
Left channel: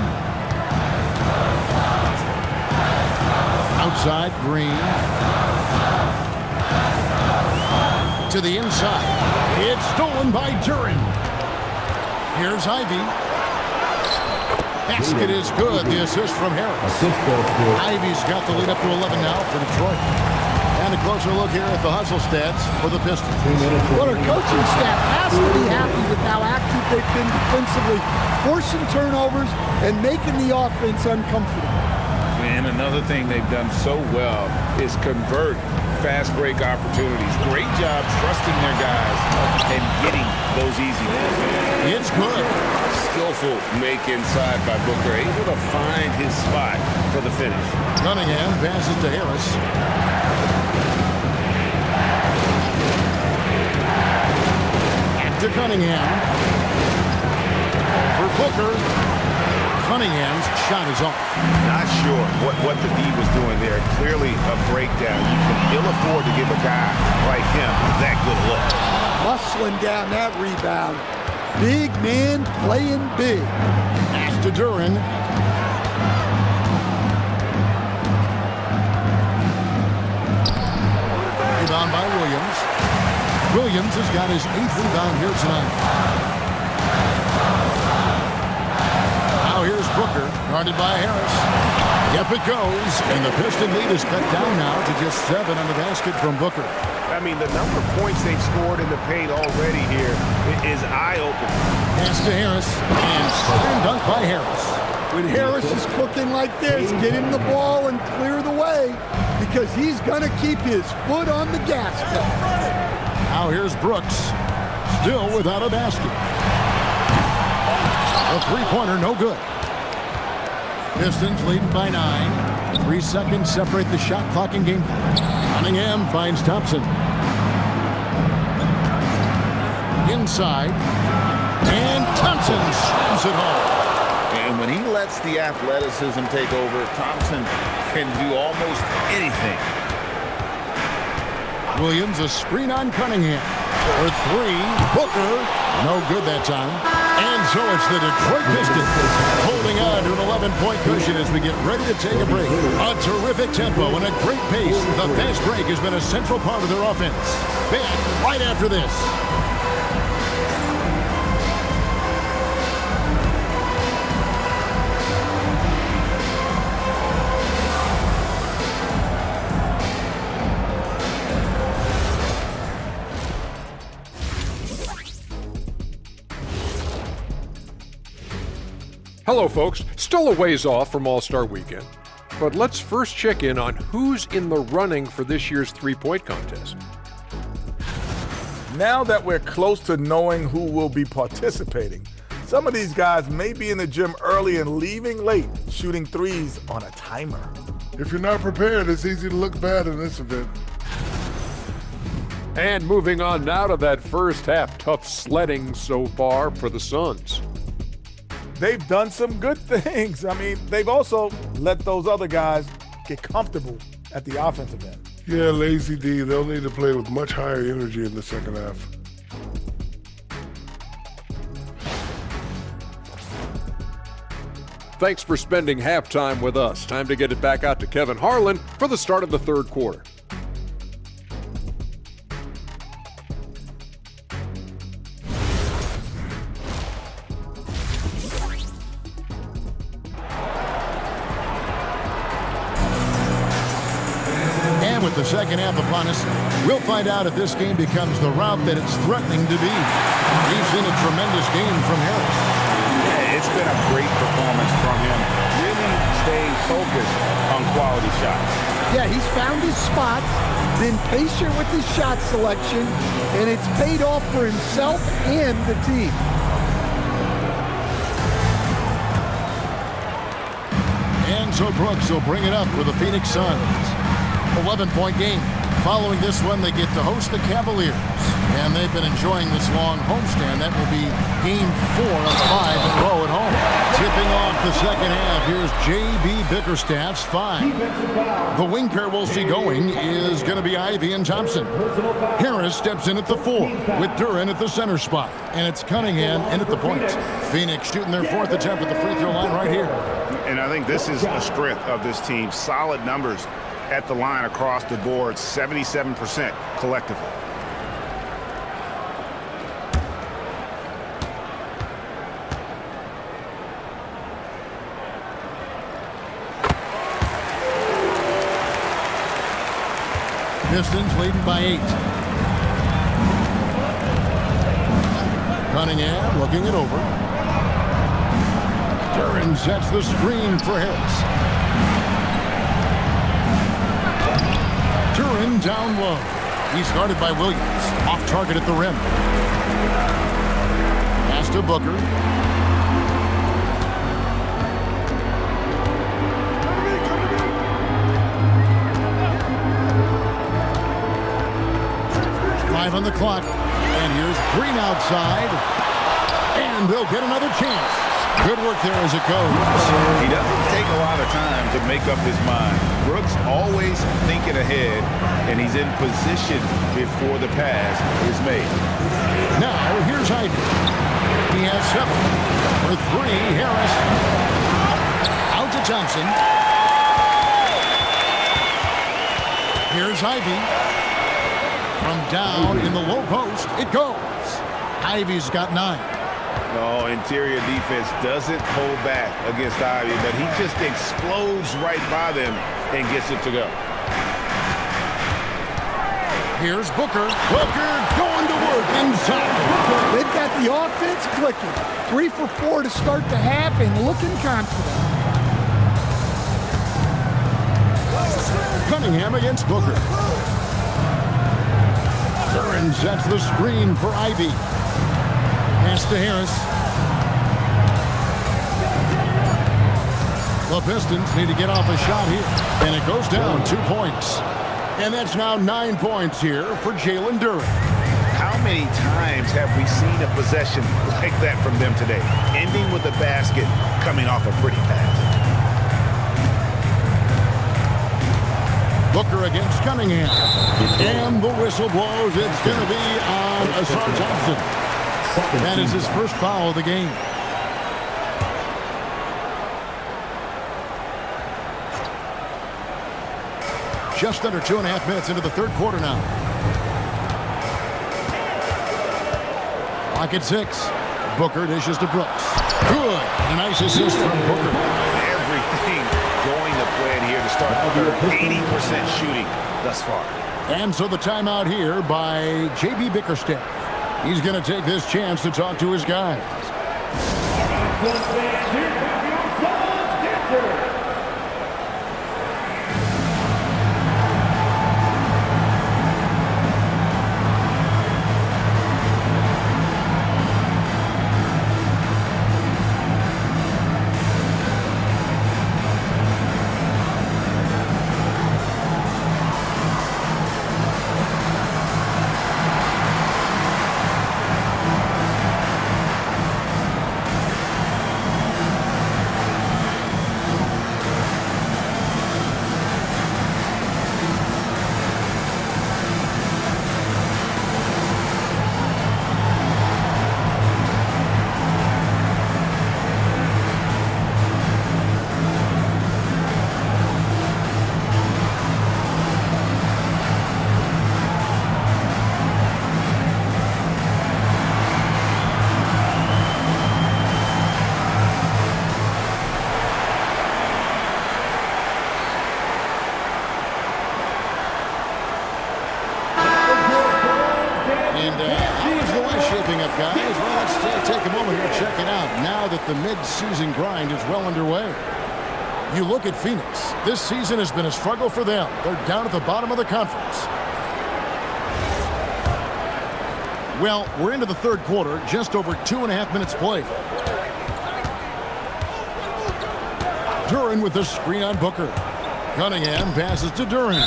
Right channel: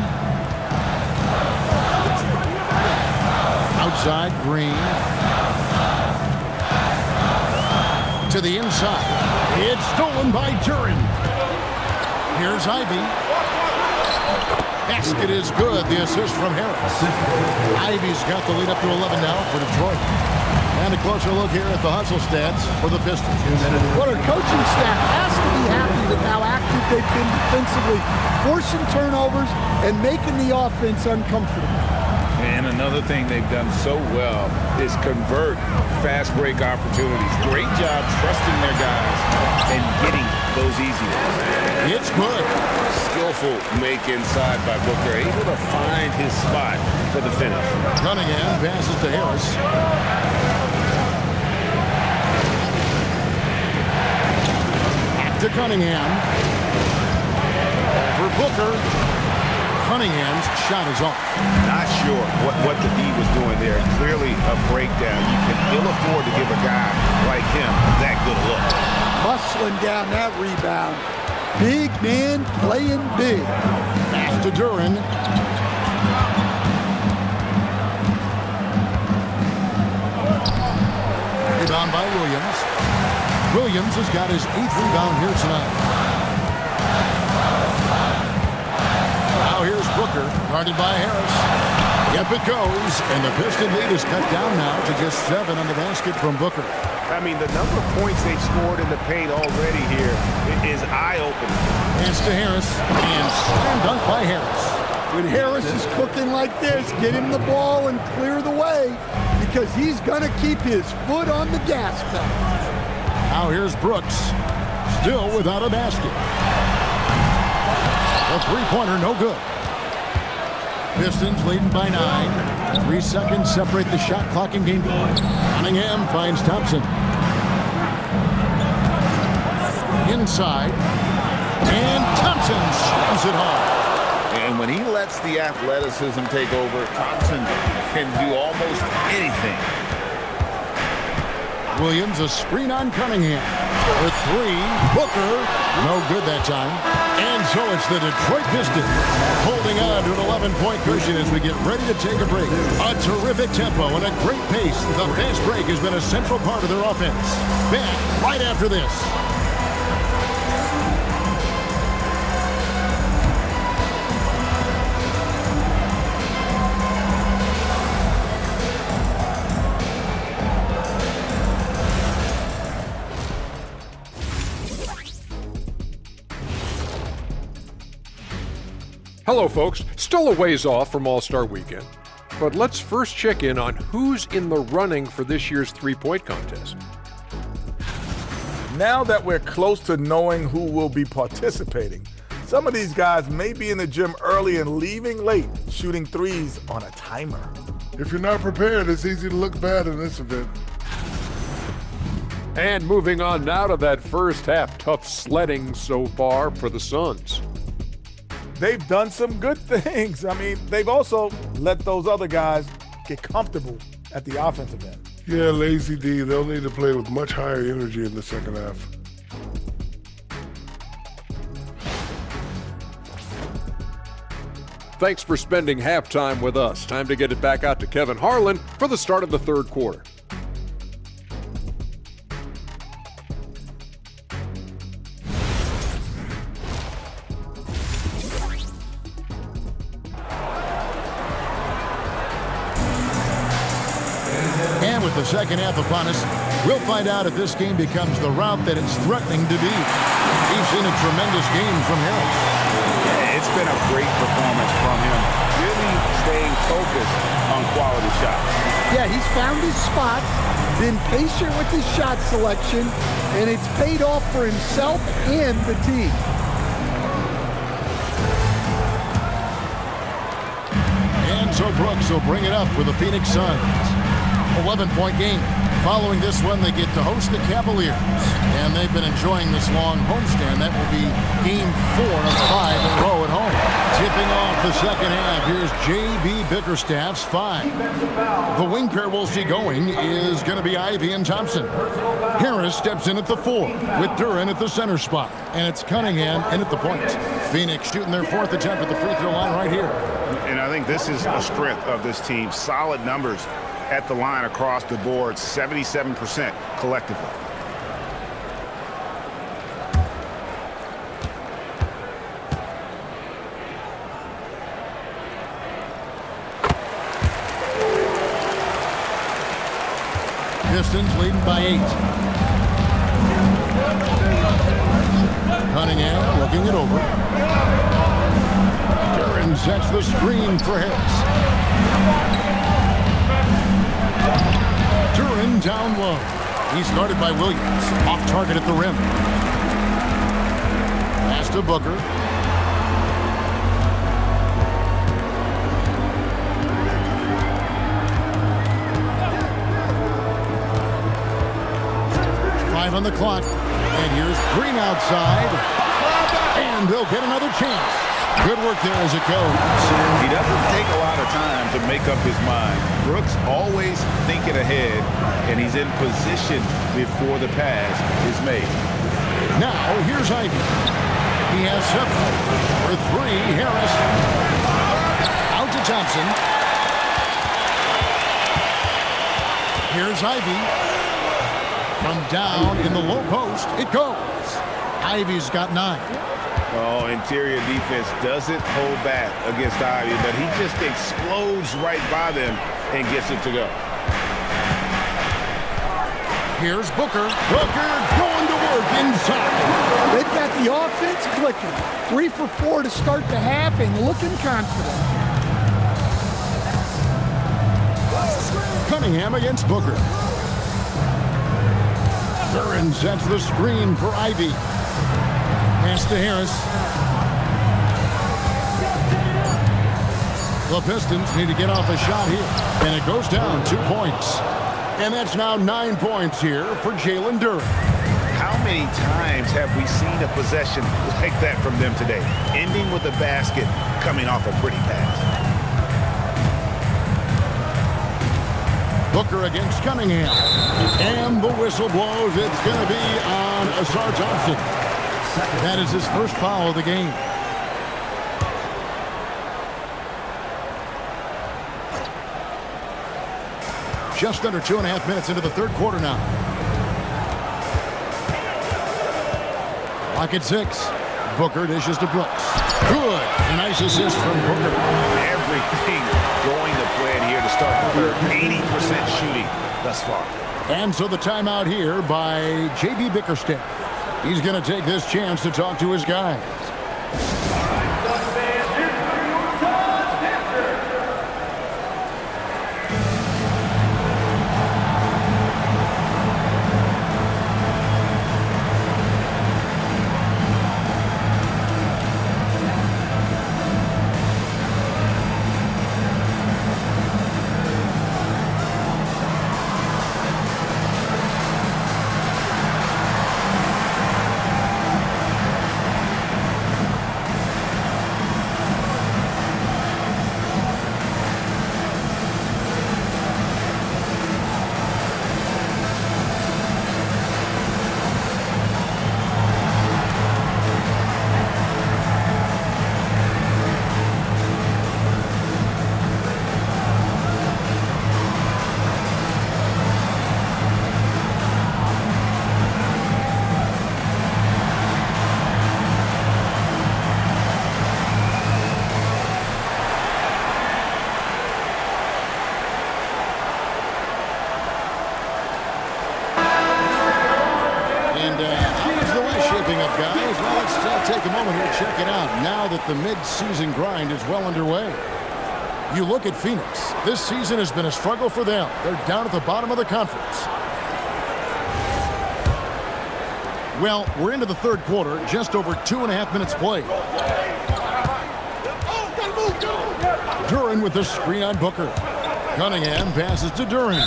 Outside, Green. To the inside. It's stolen by Duran. Here's Ivy. Basket is good. The assist from Harris. Ivy's got the lead up to 11 now for Detroit. And a closer look here at the hustle stats for the Pistons. Well, our coaching staff has to be happy with how active they've been defensively, forcing turnovers and making the offense uncomfortable. And another thing they've done so well is convert fast break opportunities. Great job trusting their guys and getting those easy ones. It's good. Skillful make inside by Booker, able to find his spot for the finish. Cunningham passes to Harris. Back to Cunningham. Over Booker. Cunningham's shot is off. Not sure what the D was doing there. Clearly a breakdown. You can ill afford to give a guy like him that good a look. Muscling down that rebound. Big man playing big. Pass to Duran. Rebound by Williams. Williams has got his 8th rebound here tonight. Now here's Booker, guarded by Harris. Yep, it goes, and the Piston lead is cut down now to just 7 on the basket from Booker. I mean, the number of points they've scored in the paint already here is eye-opening. Pass to Harris, and slam dunk by Harris. When Harris is cooking like this, get him the ball and clear the way, because he's going to keep his foot on the gas pedal. Now here's Brooks, still without a basket. A three-pointer, no good. Pistons leading by 9. 3 seconds separate the shot clock and game clock. Cunningham finds Thompson. Inside. And Thompson slams it home. And when he lets the athleticism take over, Thompson can do almost anything. Williams, a screen on Cunningham. For 3, Booker. No good that time. And so it's the Detroit Pistons holding on to an 11-point cushion as we get ready to take a break. A terrific tempo and a great pace. The fast break has been a central part of their offense. Back right after this. Hello, folks. Still a ways off from All-Star Weekend, but let's first check in on who's in the running for this year's three-point contest. Now that we're close to knowing who will be participating, some of these guys may be in the gym early and leaving late, shooting threes on a timer. If you're not prepared, it's easy to look bad in this event. And moving on now to that first half, tough sledding so far for the Suns. They've done some good things. I mean, they've also let those other guys get comfortable at the offensive end. Yeah, Lazy D, they'll need to play with much higher energy in the second half. Thanks for spending halftime with us. Time to get it back out to Kevin Harlan for the start of the third quarter. And with the second half upon us, we'll find out if this game becomes the route that it's threatening to be. We've seen a tremendous game from Harris. Yeah, it's been a great performance from him, really staying focused on quality shots. Yeah, he's found his spots, been patient with his shot selection, and it's paid off for himself and the team. And so Brooks will bring it up for the Phoenix Suns. 11-point game. Following this one, they get to host the Cavaliers. And they've been enjoying this long homestand. That will be game 4 of 5 in a row at home. Tipping off the second half, here's J.B. Bickerstaff's 5. The wing pair we'll see going is going to be Ivy and Thompson. Harris steps in at the 4 with Duren at the center spot. And it's Cunningham in at the point. Phoenix shooting their 4th attempt at the free throw line right here. And I think this is a strength of this team. Solid numbers at the line across the board, 77% collectively. Pistons leading by 8. Cunningham looking it over. Duren sets the screen for Harris. Duren down low. He's guarded by Williams. Off target at the rim. Pass to Booker. Five on the clock. And here's Green outside. And they'll get another chance. Good work there as it goes. He doesn't take a lot of time to make up his mind. Brooks always thinking ahead, and he's in position before the pass is made. Now, here's Ivy. He has 7. For 3, Harris. Out to Thompson. Here's Ivy. From down in the low post, it goes. Ivy's got 9. Oh, interior defense doesn't hold back against Ivy, but he just explodes right by them and gets it to go. Here's Booker. Booker going to work inside. They've got the offense clicking. 3 for 4 to start the half and looking confident. Cunningham against Booker. Duren sets the screen for Ivy. Pass to Harris. The Pistons need to get off a shot here. And it goes down 2 points. And that's now 9 points here for Jalen Duren. How many times have we seen a possession like that from them today? Ending with a basket, coming off a pretty pass. Booker against Cunningham. And the whistle blows. It's going to be on Asar Thompson. That is his first foul of the game. Just under 2.5 minutes into the third quarter now. Clock at 6. Booker dishes to Brooks. Good. A nice assist from Booker. Everything going to plan here to start the third. 80% shooting thus far. And so the timeout here by J.B. Bickerstaff. He's going to take this chance to talk to his guys. All right, fans, here's shaping up, guys? Well, let's take a moment here to check it out now that the mid-season grind is well underway. You look at Phoenix. This season has been a struggle for them. They're down at the bottom of the conference. Well, we're into the third quarter, just over 2.5 minutes played. Duren with the screen on Booker. Cunningham passes to Duren.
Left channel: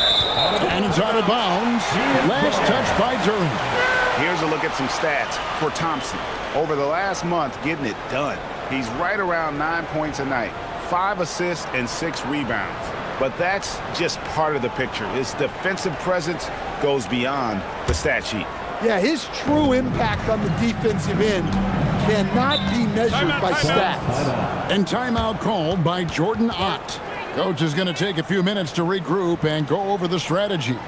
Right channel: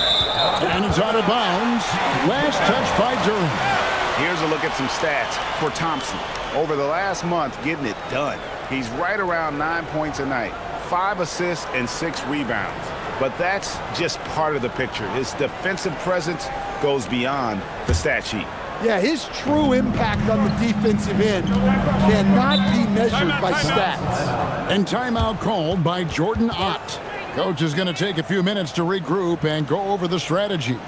And it's out of bounds. Last touch by Duren. Here's a look at some stats for Thompson. Over the last month, getting it done. He's right around 9 points a night, 5 assists and 6 rebounds. But that's just part of the picture. His defensive presence goes beyond the stat sheet. Yeah, his true impact on the defensive end cannot be measured by stats. And timeout called by Jordan Ott. Coach is going to take a few minutes to regroup and go over the strategy.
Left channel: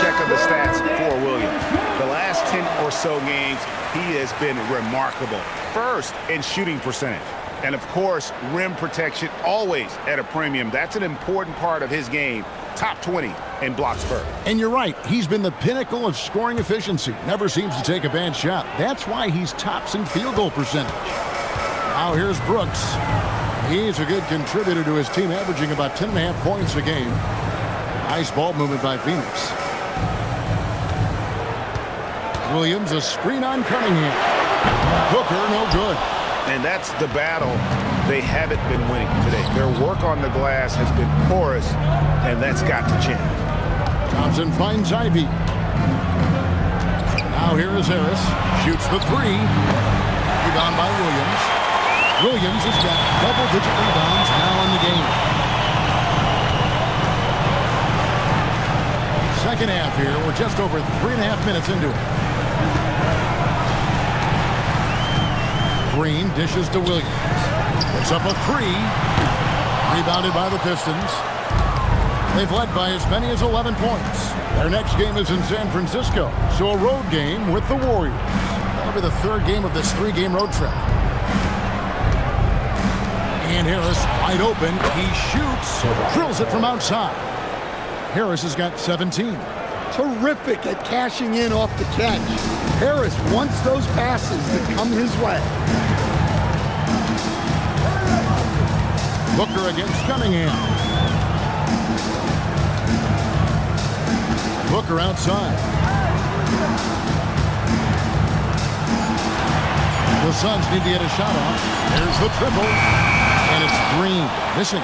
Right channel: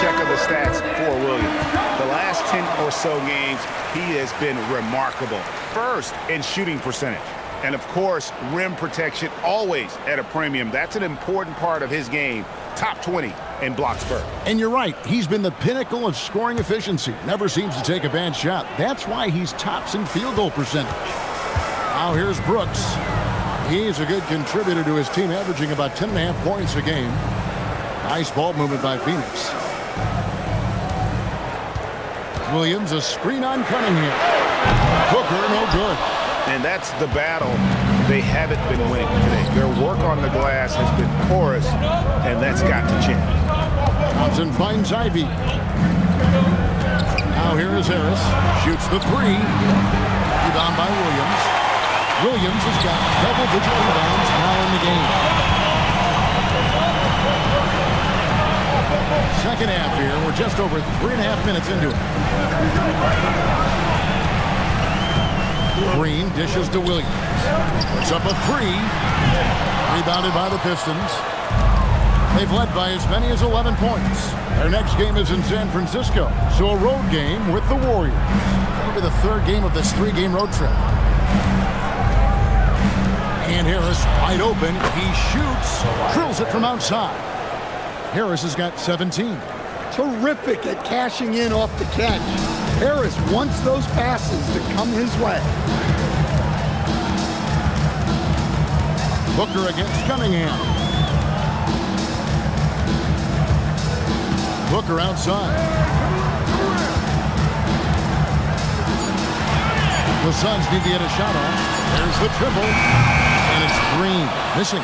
Check of the stats for Williams. The last 10 or so games, he has been remarkable. First in shooting percentage. And of course, rim protection always at a premium. That's an important part of his game. Top 20 in blocks per. And you're right. He's been the pinnacle of scoring efficiency. Never seems to take a bad shot. That's why he's tops in field goal percentage. Now here's Brooks. He's a good contributor to his team, averaging about 10.5 points a game. Nice ball movement by Phoenix. Williams, a screen on Cunningham. Booker, no good. And that's the battle they haven't been winning today. Their work on the glass has been porous, and that's got to change. Thompson finds Ivy. Now here is Harris. Shoots the three. Rebound by Williams. Williams has got double-digit rebounds now in the game. Second half here. We're just over 3.5 minutes into it. Green dishes to Williams. Puts up a three. Rebounded by the Pistons. They've led by as many as 11 points. Their next game is in San Francisco, so a road game with the Warriors. That'll be the third game of this 3-game road trip. And Harris wide open. He shoots. Drills it from outside. Harris has got 17. Terrific at cashing in off the catch. Harris wants those passes to come his way. Booker against Cunningham. Booker outside. The Suns need to get a shot off. There's the triple. And it's Green. Missing.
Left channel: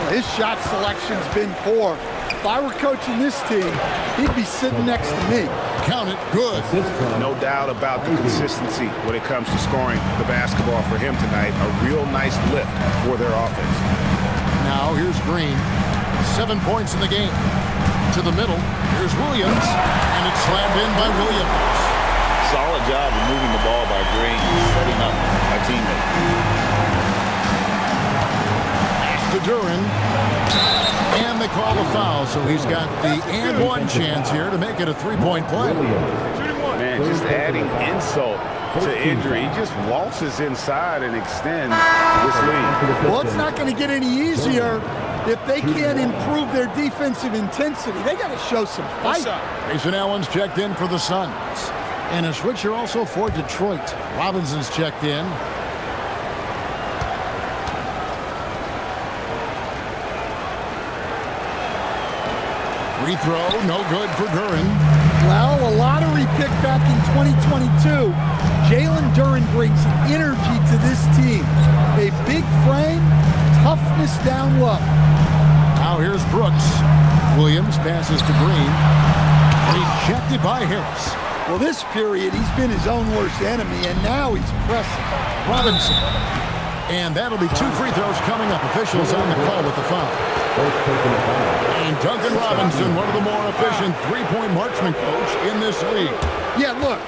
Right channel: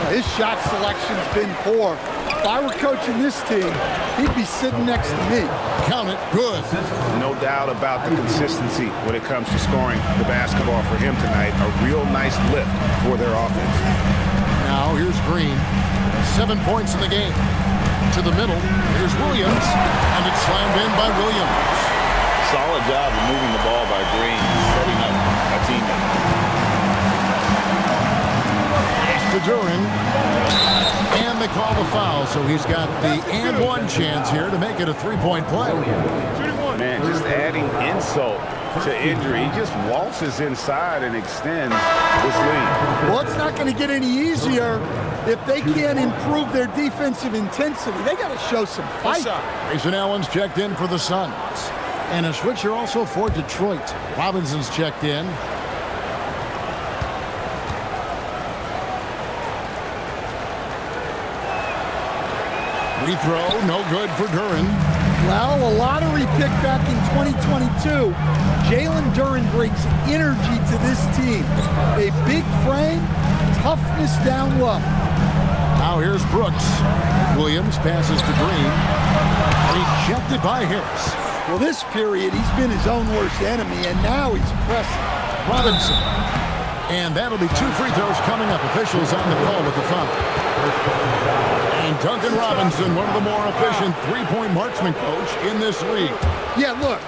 Well, his shot selection's been poor. If I were coaching this team, he'd be sitting next to me. Count it. Good. No doubt about the consistency when it comes to scoring the basketball for him tonight. A real nice lift for their offense. Now here's Green. 7 points in the game. To the middle. Here's Williams. And it's slammed in by Williams. Solid job of moving the ball by Green, setting up a teammate. Pass to Duren. And they call the foul, so he's got the and one chance here to make it a 3-point play. Man, just adding insult to injury. He just waltzes inside and extends this lead. Well, it's not going to get any easier if they can't improve their defensive intensity. They got to show some fight. Grayson Allen's checked in for the Suns. And a switcher also for Detroit. Robinson's checked in. Free throw, no good for Duren. Well, a lottery pick back in 2022. Jalen Duren brings energy to this team. A big frame, toughness down low. Now here's Brooks. Williams passes to Green. Rejected by Harris. Well, this period, he's been his own worst enemy, and now he's pressing. Robinson. And that'll be 2 free throws coming up. Officials on the call with the foul. And Duncan Robinson, one of the more efficient three-point marksman coach in this league. Yeah, look,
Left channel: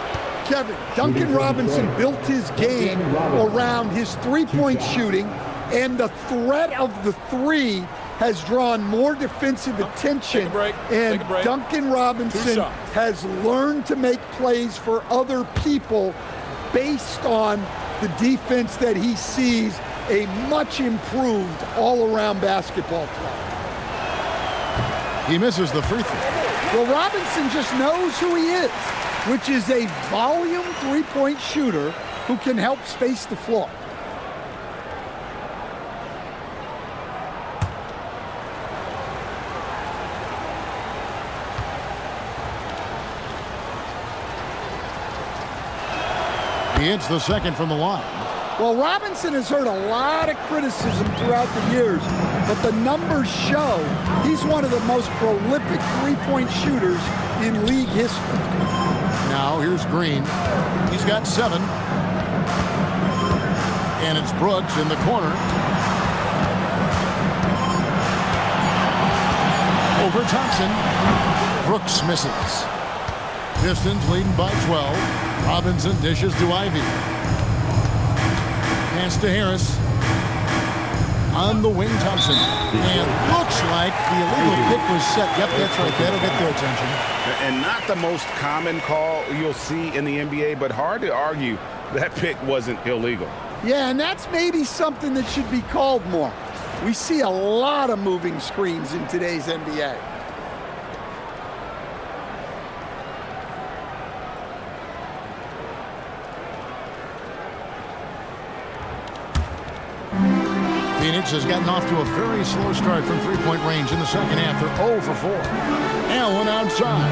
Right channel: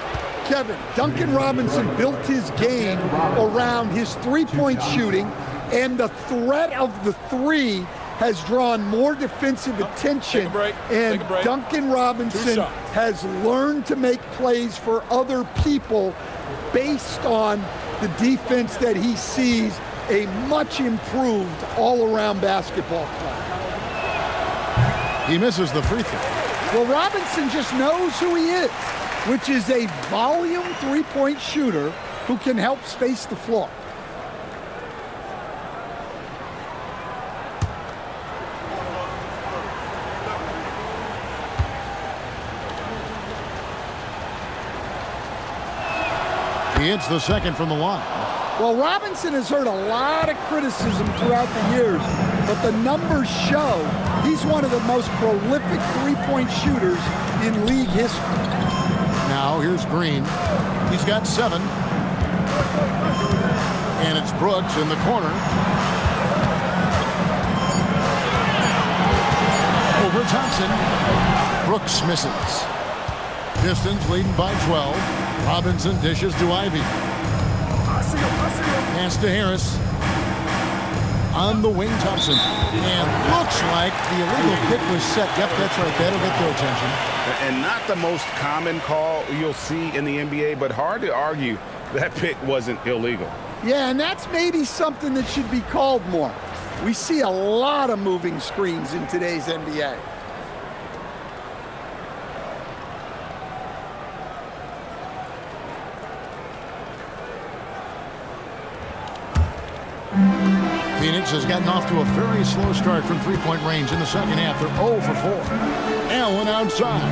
Kevin, Duncan Robinson built his game around his three-point shooting, and the threat of the three has drawn more defensive attention. And Duncan Robinson has learned to make plays for other people based on the defense that he sees a much improved all-around basketball player. He misses the free throw. Well, Robinson just knows who he is, which is a volume three-point shooter who can help space the floor. He hits the second from the line. Well, Robinson has heard a lot of criticism throughout the years, but the numbers show he's one of the most prolific three-point shooters in league history. Now here's Green. He's got 7. And it's Brooks in the corner. Over Thompson. Brooks misses. Pistons leading by 12. Robinson dishes to Ivy. Pass to Harris. On the wing, Thompson. And looks like the illegal pick was set. Yep, that's right. That'll get their attention. And not the most common call you'll see in the NBA, but hard to argue that pick wasn't illegal. Yeah, and that's maybe something that should be called more. We see a lot of moving screens in today's NBA. Phoenix has gotten off to a very slow start from three-point range in the second half. They're 0 for 4. Allen outside.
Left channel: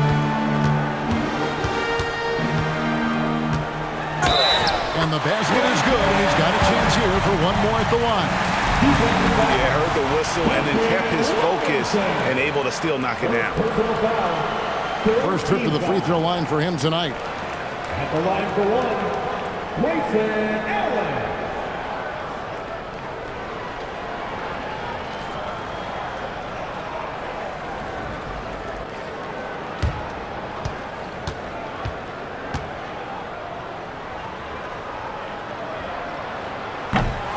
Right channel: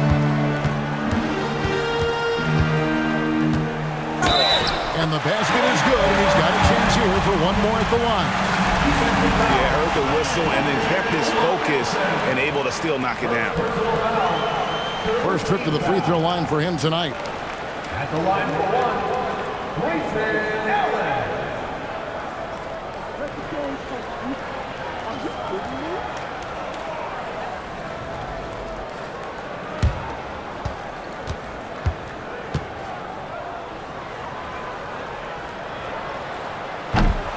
And the basket is good, and he's got a chance here for one more at the line. Yeah, heard the whistle and then kept his focus and able to still knock it down. First trip to the free throw line for him tonight. At the line for one, Jayson Tatum.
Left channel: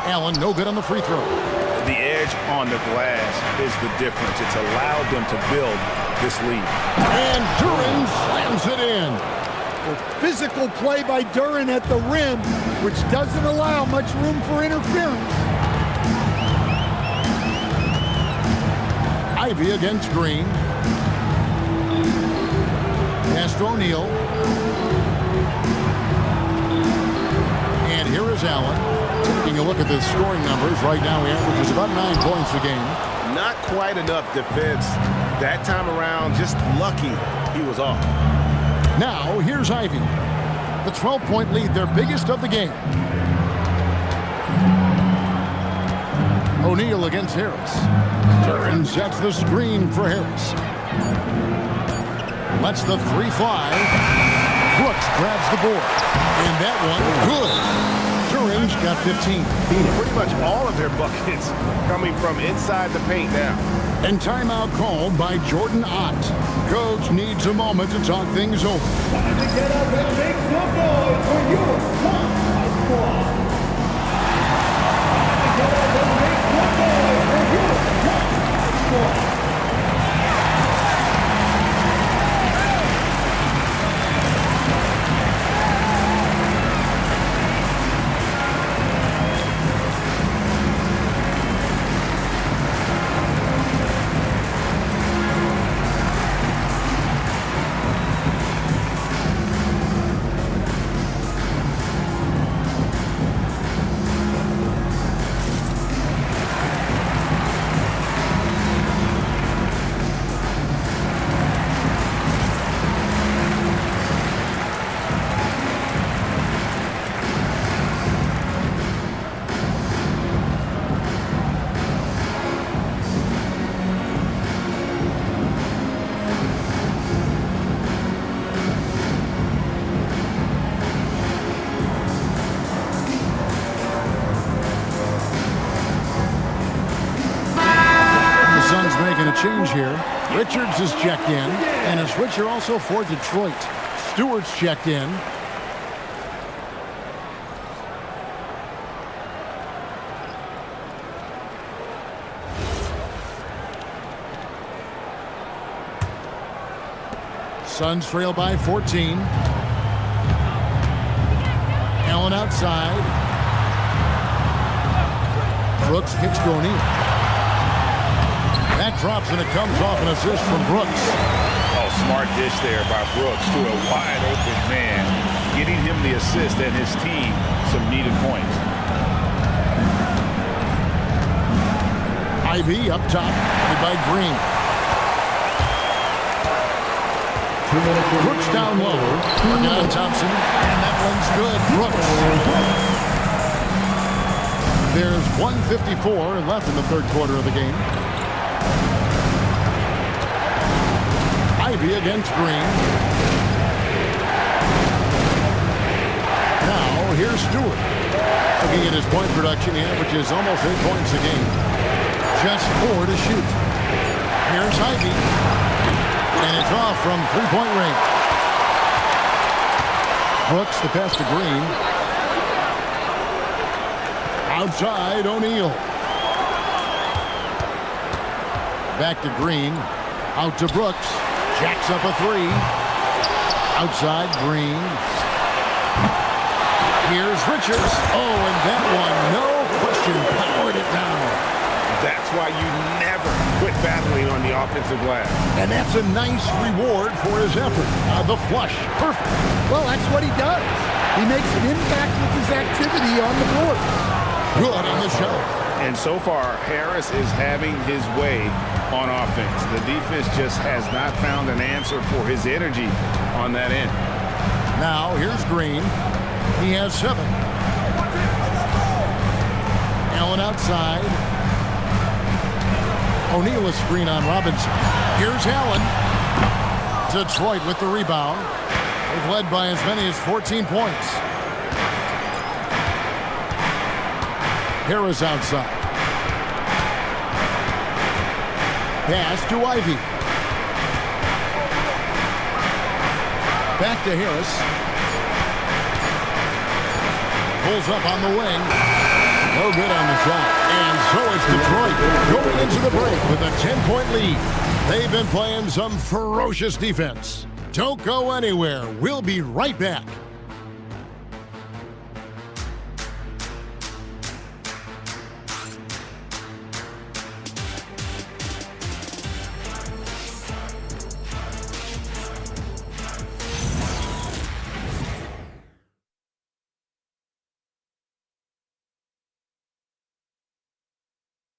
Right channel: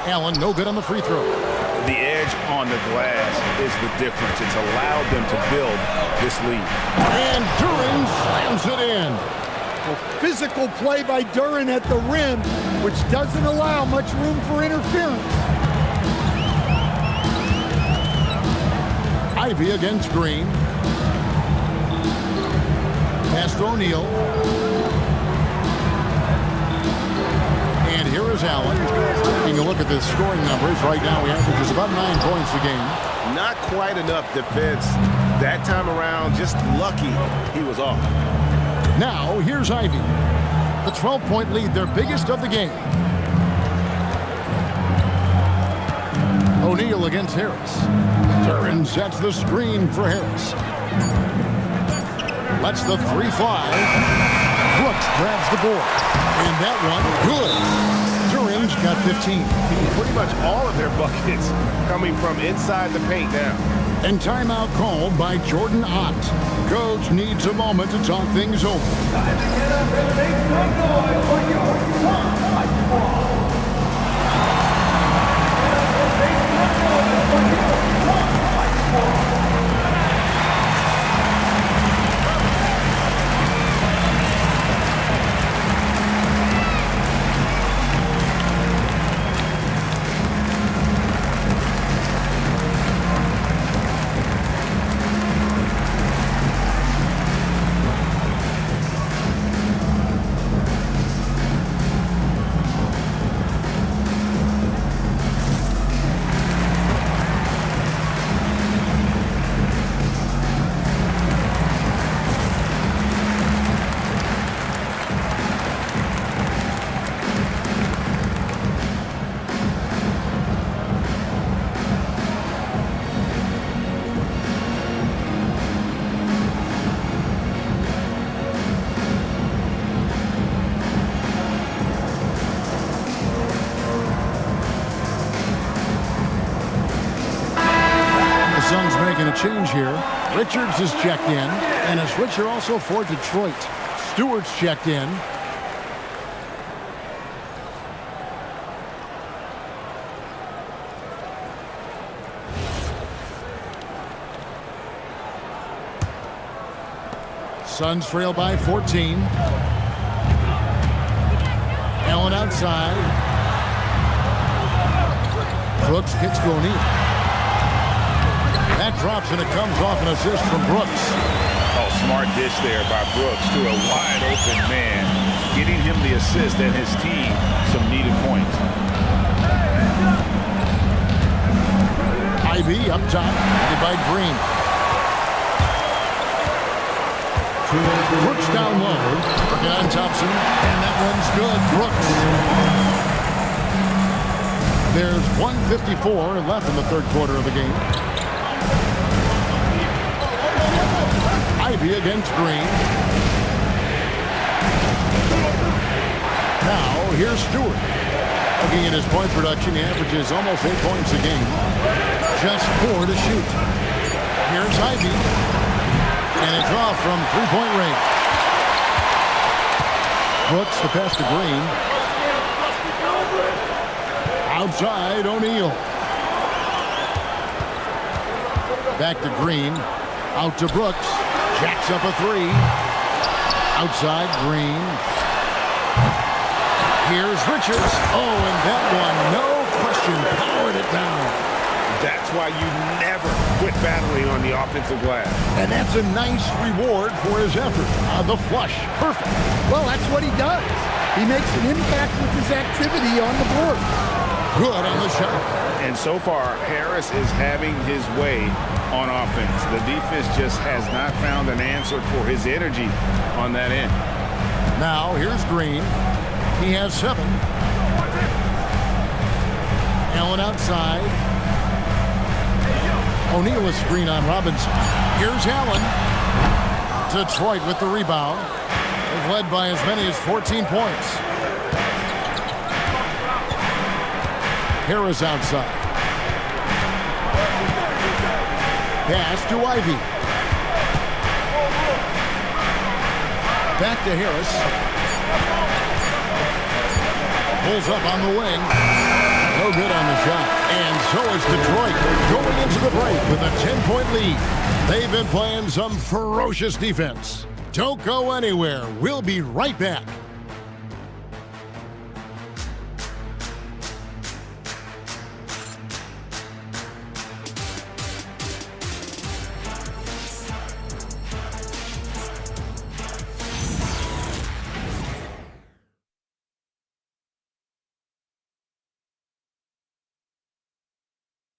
Allen, no good on the free throw. The edge on the glass is the difference. It's allowed them to build this lead. And Duren slams it in. Well, physical play by Duren at the rim, which doesn't allow much room for interference. Ivy against Green. Pass to O'Neal. And here is Allen. Taking a look at the scoring numbers, right now he averages about 9 points a game. Not quite enough defense that time around. Just lucky he was off. Now here's Ivy. The 12-point lead, their biggest of the game. O'Neal against Harris. Duren sets the screen for Harris. Lets the 3 fly. Brooks grabs the board. And that one, good. Duren's got 15. Pretty much all of their buckets coming from inside the paint now. And timeout called by Jordan Ott. Coach needs a moment to talk things over. Time to get up and make some noise for your one high squad. Time to get up and make some noise for your one high squad. Suns making a change here. Richards is checked in, and a switcher also for Detroit. Stewart's checked in. Suns trail by 14. Allen outside. Brooks kicks to O'Neal. That drops, and it comes off an assist from Brooks. Oh, smart dish there by Brooks to a wide open man, getting him the assist and his team some needed points. Ivy up top, headed by Green. Brooks down low, working on Thompson, and that one's good. Brooks. There's 1:54 left in the third quarter of the game. Ivy against Green. Now, here's Stewart. Looking at his point production, he averages almost 8 points a game. Just 4 to shoot. Here's Ivy. And it's off from three-point range. Brooks the pass to Green. Outside, O'Neal. Back to Green. Out to Brooks. Jacks up a three. Outside, Green. Here's Richards. Oh, and that one, no question, powered it down. That's why you never quit battling on the offensive glass. And that's a nice reward for his effort. The flush, perfect. Well, that's what he does. He makes an impact with his activity on the boards. Good on the shot. And so far, Harris is having his way on offense. The defense just has not found an answer for his energy on that end. Now, here's Green. He has 7. Allen outside. O'Neal a screen on Robinson. Here's Allen. Detroit with the rebound. They've led by as many as 14 points. Harris outside. Pass to Ivy. Back to Harris. Pulls up on the wing. No good on the shot. And so is Detroit going into the break with a 10-point lead. They've been playing some ferocious defense. Don't go anywhere. We'll be right back.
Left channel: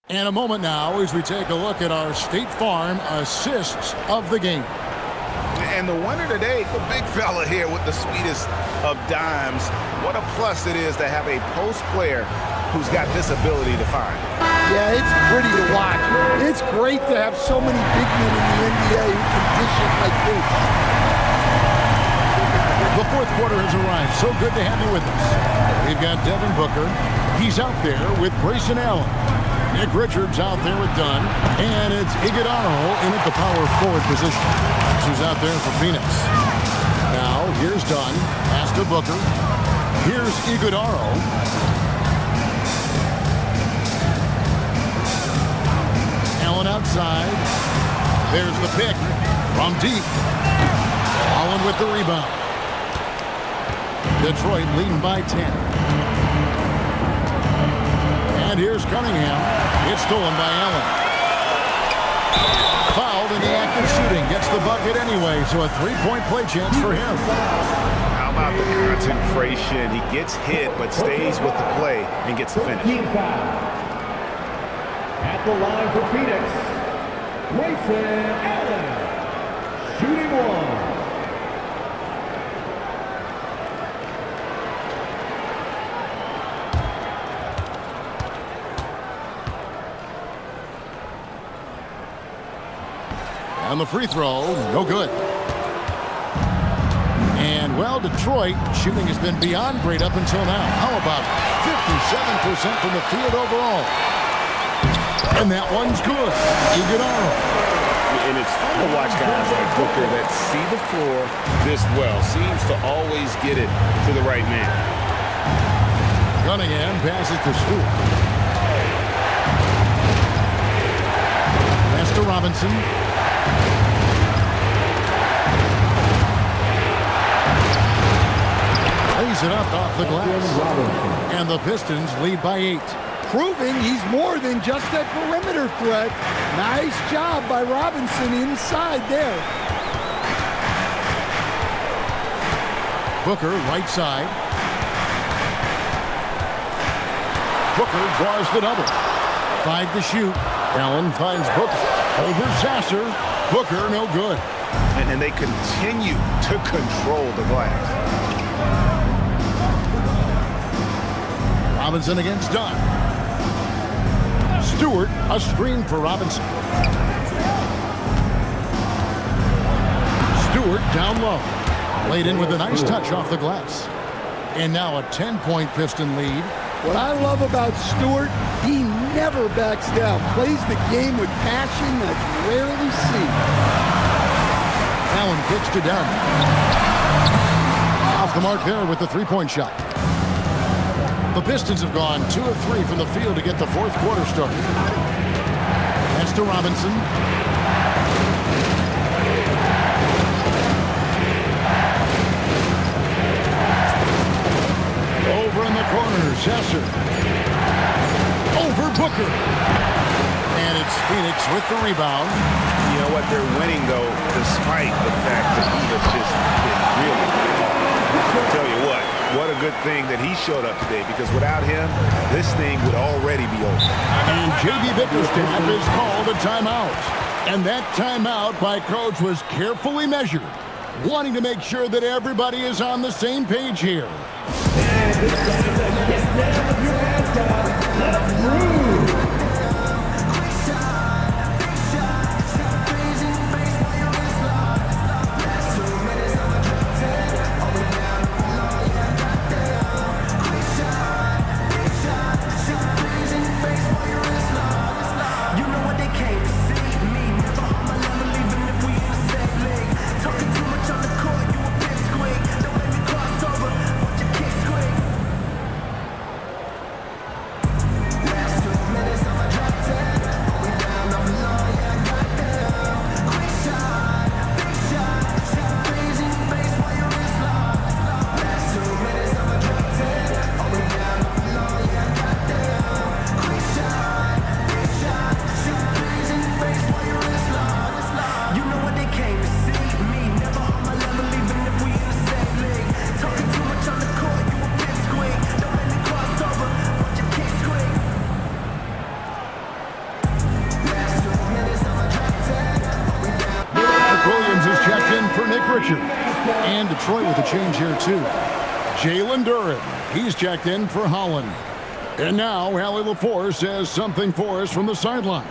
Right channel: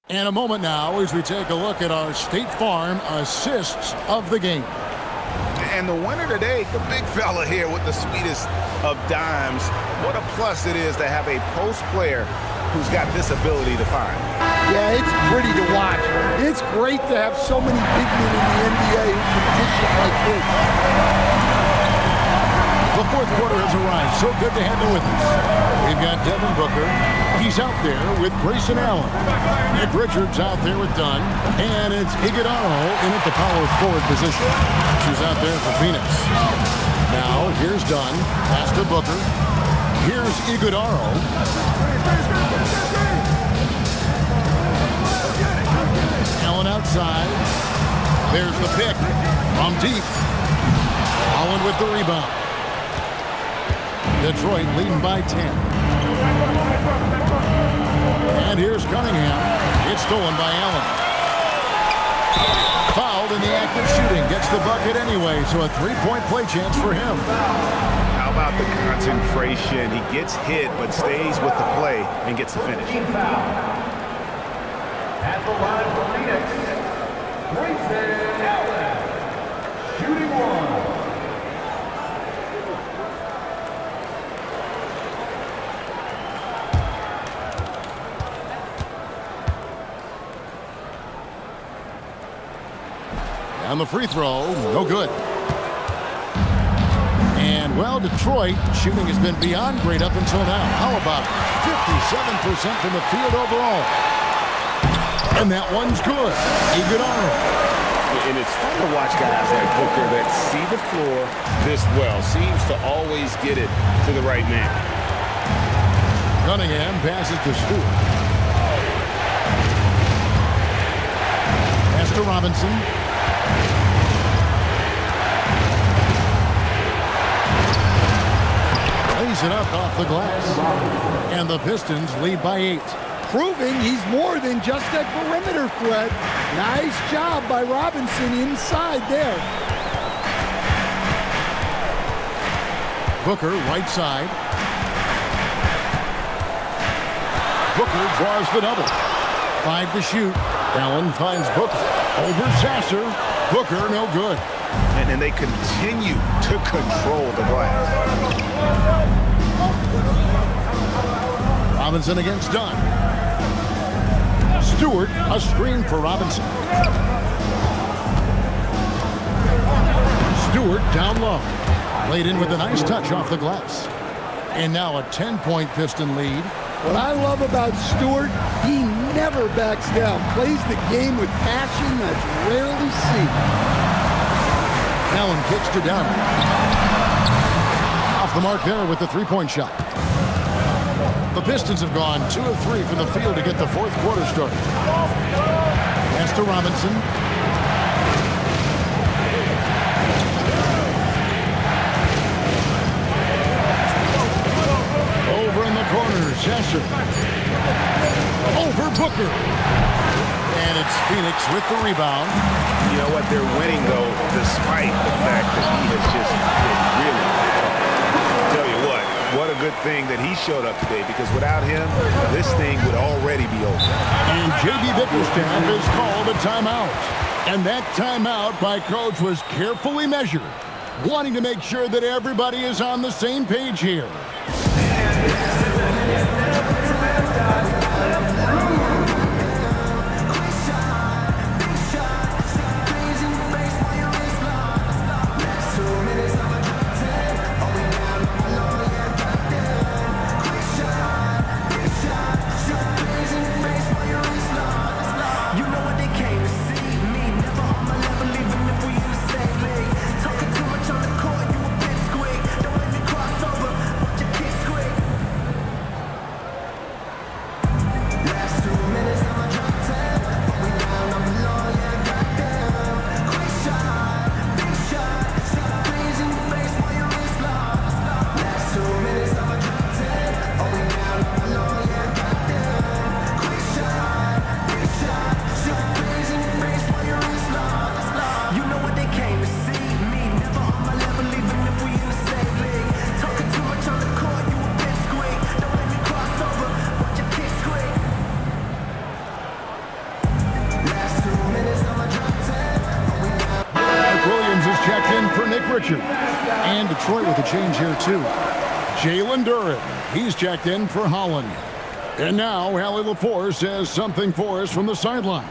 And a moment now as we take a look at our State Farm assists of the game. And the winner today, the big fella here with the sweetest of dimes. What a plus it is to have a post player who's got this ability to find. Yeah, it's pretty to watch. It's great to have so many big men in the NBA who can dish it like this. The fourth quarter has arrived. So good to have you with us. We've got Devin Booker. He's out there with Grayson Allen. Nick Richards out there with Dunn. And it's Iguodaro in at the power forward position. Who's out there for Phoenix. Now, here's Dunn. Pass to Booker. Here's Iguodaro. Allen outside. There's the pick from deep. Allen with the rebound. Detroit leading by 10. And here's Cunningham. It's stolen by Allen. Fouled in the act of shooting. Gets the bucket anyway, so a three-point play chance for him. How about the concentration? He gets hit, but stays with the play and gets the finish. Foul. At the line for Phoenix, Jayson Tatum, shooting one. On the free throw, no good. And, well, Detroit shooting has been beyond great up until now. How about 57% from the field overall? And that one's good. Iguodala. And it's fun to watch guys like Booker that see the floor this well. Seems to always get it to the right man. Cunningham passes to Stewart. Pass to Robinson. Lays it up off the glass. And the Pistons lead by 8. Proving he's more than just a perimeter threat. Nice job by Robinson inside there. Booker, right side. Booker draws the double. 5 to shoot. Allen finds Booker. Over Sasser. Booker, no good. And then they continue to control the glass. Robinson against Dunn. Stewart, a screen for Robinson. Stewart down low. Laid in with a nice touch off the glass. And now a 10-point Piston lead. What I love about Stewart, he never backs down. Plays the game with passion that's rarely seen. Allen kicks to Dunn. Off the mark there with the three-point shot. The Pistons have gone 2 of 3 from the field to get the fourth quarter started. Pass to Robinson. Over in the corner, Sasser. Over Booker. And it's Phoenix with the rebound. You know what? They're winning, though, despite the fact that he has just been really off. Tell you what a good thing that he showed up today, because without him, this thing would already be over. And J.B. Bickerstaff has called a timeout. And that timeout by Coach was carefully measured, wanting to make sure that everybody is on the same page here. For Nick Richard. And Detroit with a change here, too. Jalen Duren. He's checked in for Holland. And now, Allie LaForce says something for us from the sideline.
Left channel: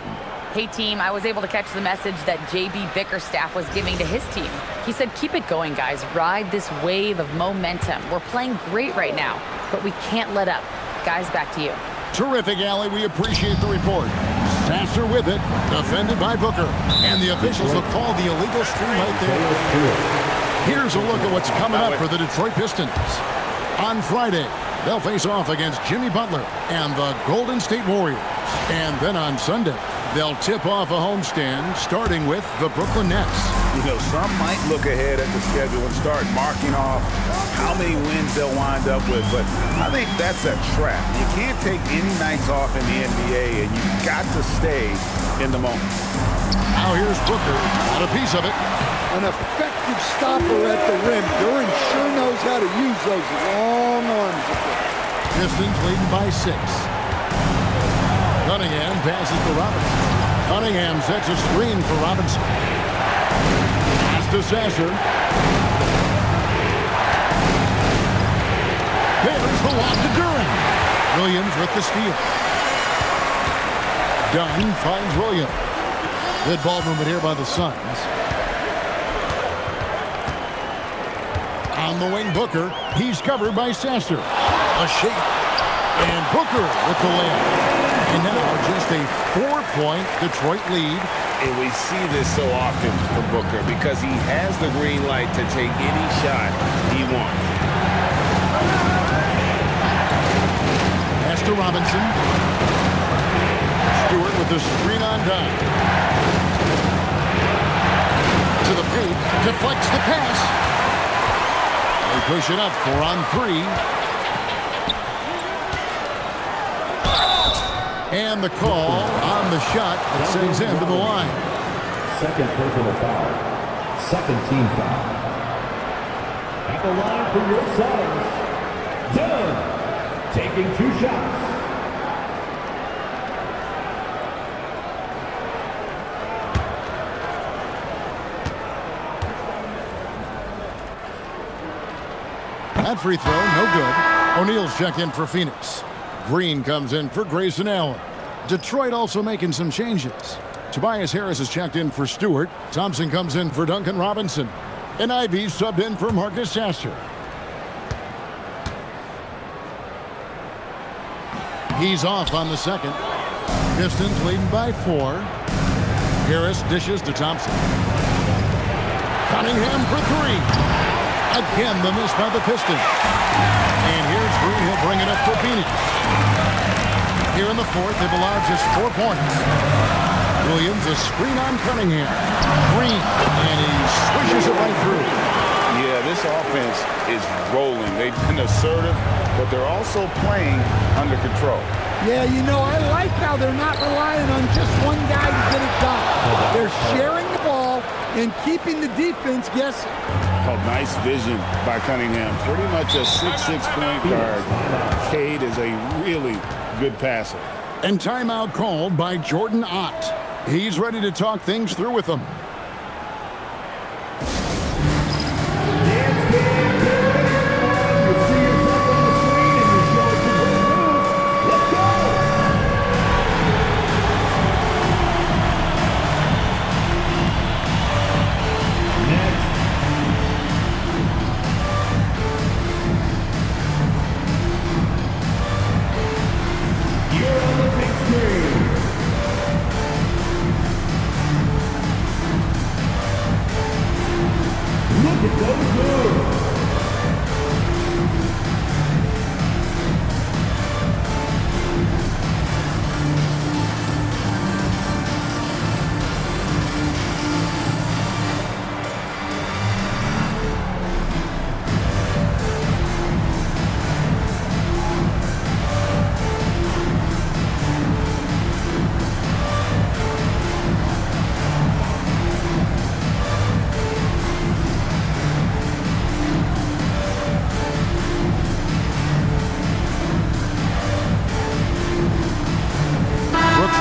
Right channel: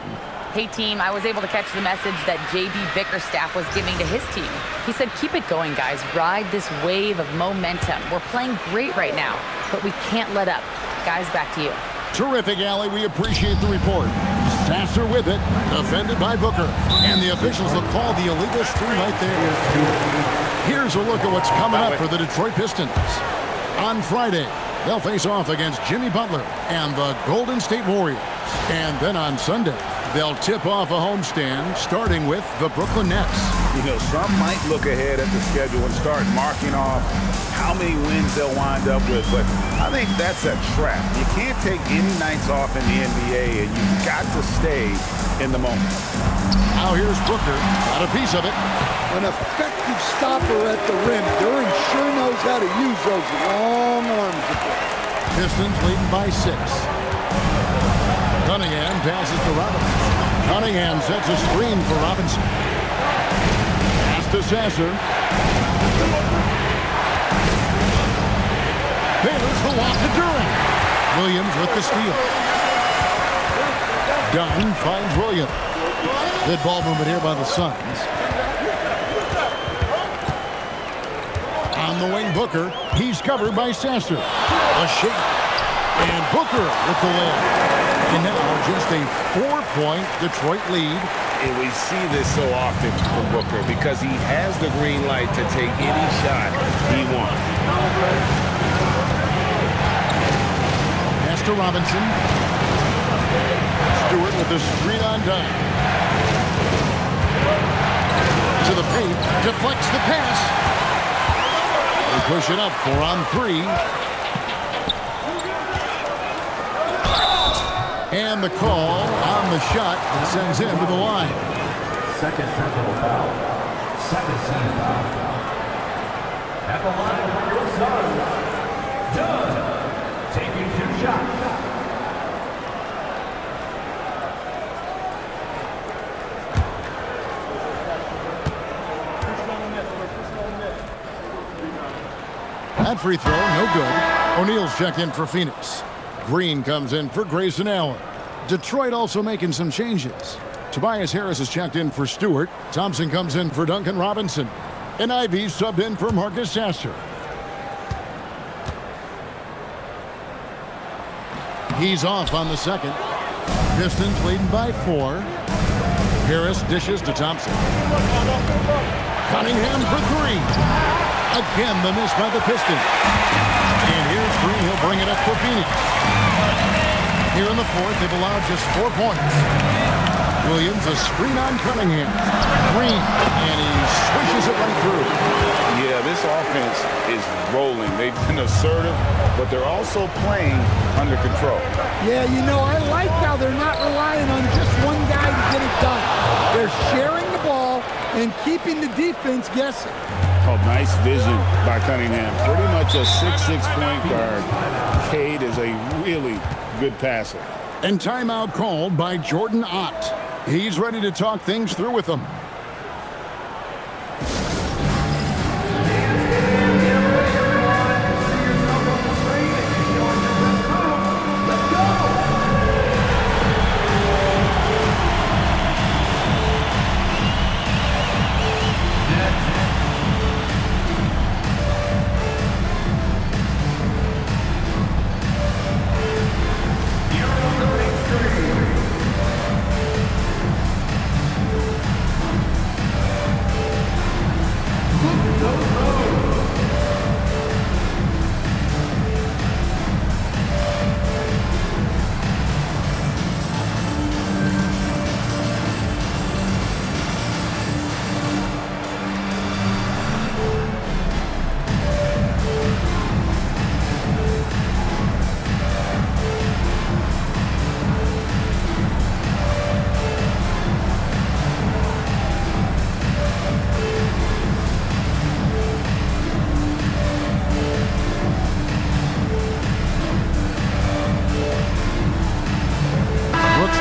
Hey, team, I was able to catch the message that J.B. Bickerstaff was giving to his team. He said, keep it going, guys. Ride this wave of momentum. We're playing great right now, but we can't let up. Guys, back to you. Terrific, Allie. We appreciate the report. Sasser with it, defended by Booker. And the officials will call the illegal screen right there. Here's a look at what's coming up for the Detroit Pistons. On Friday, they'll face off against Jimmy Butler and the Golden State Warriors. And then on Sunday, they'll tip off a homestand starting with the Brooklyn Nets. You know, some might look ahead at the schedule and start marking off how many wins they'll wind up with, but I think that's a trap. You can't take any nights off in the NBA, and you've got to stay in the moment. Now here's Booker, got a piece of it. An effective stopper at the rim. Duren sure knows how to use those long arms of his. Pistons leading by 6. Cunningham passes to Robinson. Cunningham sets a screen for Robinson. Pass to Sasser. There's the lob to Duren. Williams with the steal. Dunn finds Williams. Good ball movement here by the Suns. On the wing, Booker. He's covered by Sasser. A shake. And Booker with the layup. And now just a 4-point Detroit lead. And we see this so often from Booker because he has the green light to take any shot he wants. Pass to Robinson. Stewart with the screen on dime. To the paint. Deflects the pass. They push it up 4 on 3. And the call on the shot that sends him to the line. Second personal foul. Second team foul. At the line for your Suns, Dunn, taking 2 shots. That free throw, no good. O'Neal's checked in for Phoenix. Green comes in for Grayson Allen. Detroit also making some changes. Tobias Harris is checked in for Stewart. Thompson comes in for Duncan Robinson. And Ivy subbed in for Marcus Sasser. He's off on the second. Pistons leading by 4. Harris dishes to Thompson. Cunningham for 3. Again, the miss by the Pistons. And here's Green. He'll bring it up for Phoenix. Here in the fourth, they've allowed just 4 points. Williams, a screen on Cunningham. Green, and he swishes it right through. Yeah, this offense is rolling. They've been assertive, but they're also playing under control. Yeah, you know, I like how they're not relying on just one guy to get it done. They're sharing the ball and keeping the defense guessing. Oh, nice vision by Cunningham. Pretty much a 6'6" point guard. Cade is a really good passer. And timeout called by Jordan Ott. He's ready to talk things through with them.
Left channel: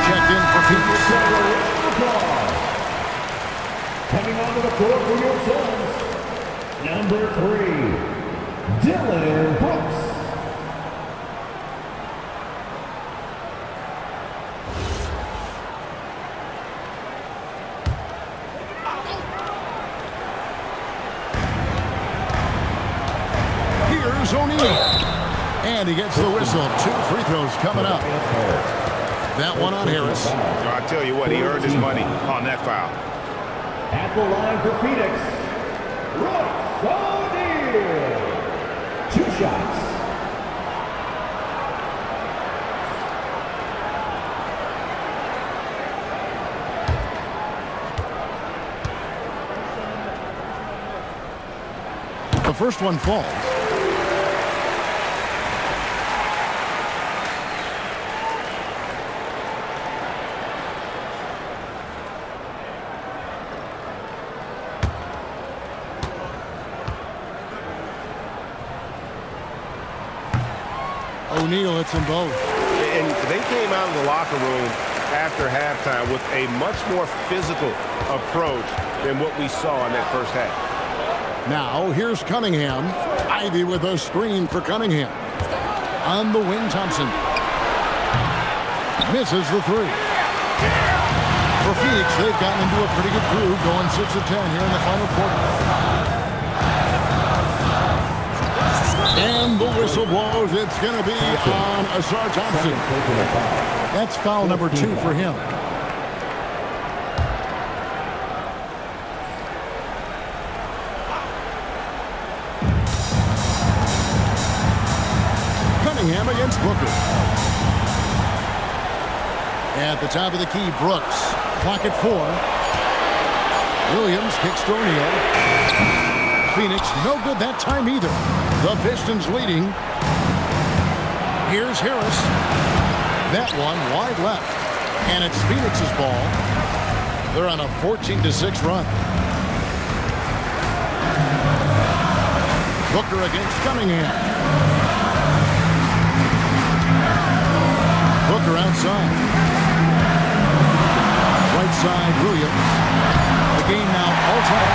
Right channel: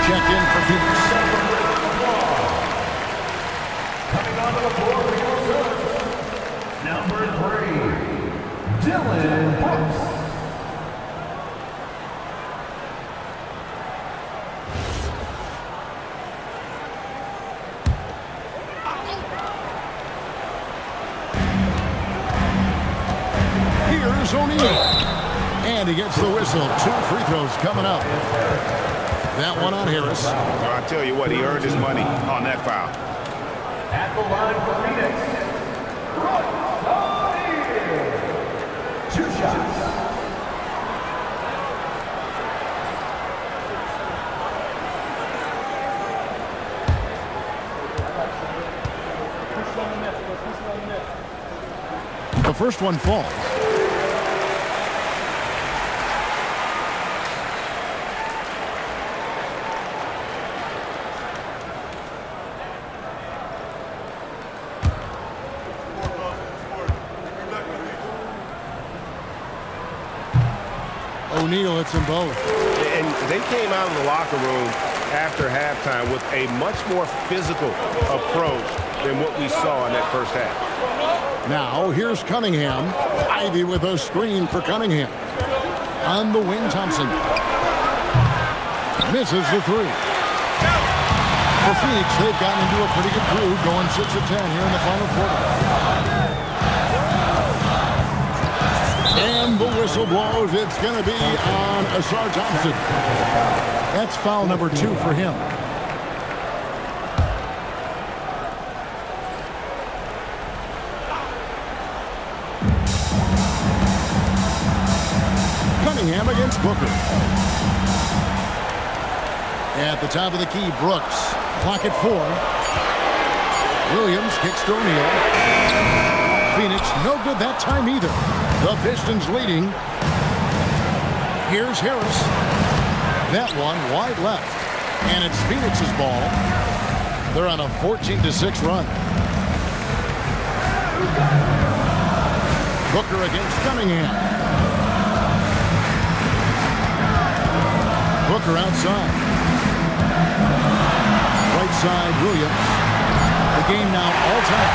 Checked in for Phoenix. Coming onto the floor for your Suns, number 3, Dylan Brooks. Here's O'Neal. And he gets the whistle. 2 free throws coming up. That one on Harris. I tell you what, he earned his money on that foul. At the line for Phoenix, Royce O'Neal. 2 shots. The first one falls. O'Neal hits them both. And they came out of the locker room after halftime with a much more physical approach than what we saw in that first half. Now, here's Cunningham. Ivy with a screen for Cunningham. On the wing, Thompson. Misses the 3. For Phoenix, they've gotten into a pretty good groove, going 6 of 10 here in the final quarter. And the whistle blows. It's going to be on Asar Thompson. That's foul number 2 for him. Cunningham against Booker. At the top of the key, Brooks. Clock at 4. Williams kicks to O'Neal. Phoenix, no good that time either. The Pistons leading. Here's Harris. That one wide left. And it's Phoenix's ball. They're on a 14-6 run. Booker against Cunningham. Booker outside. Right side, Williams. The game now all time.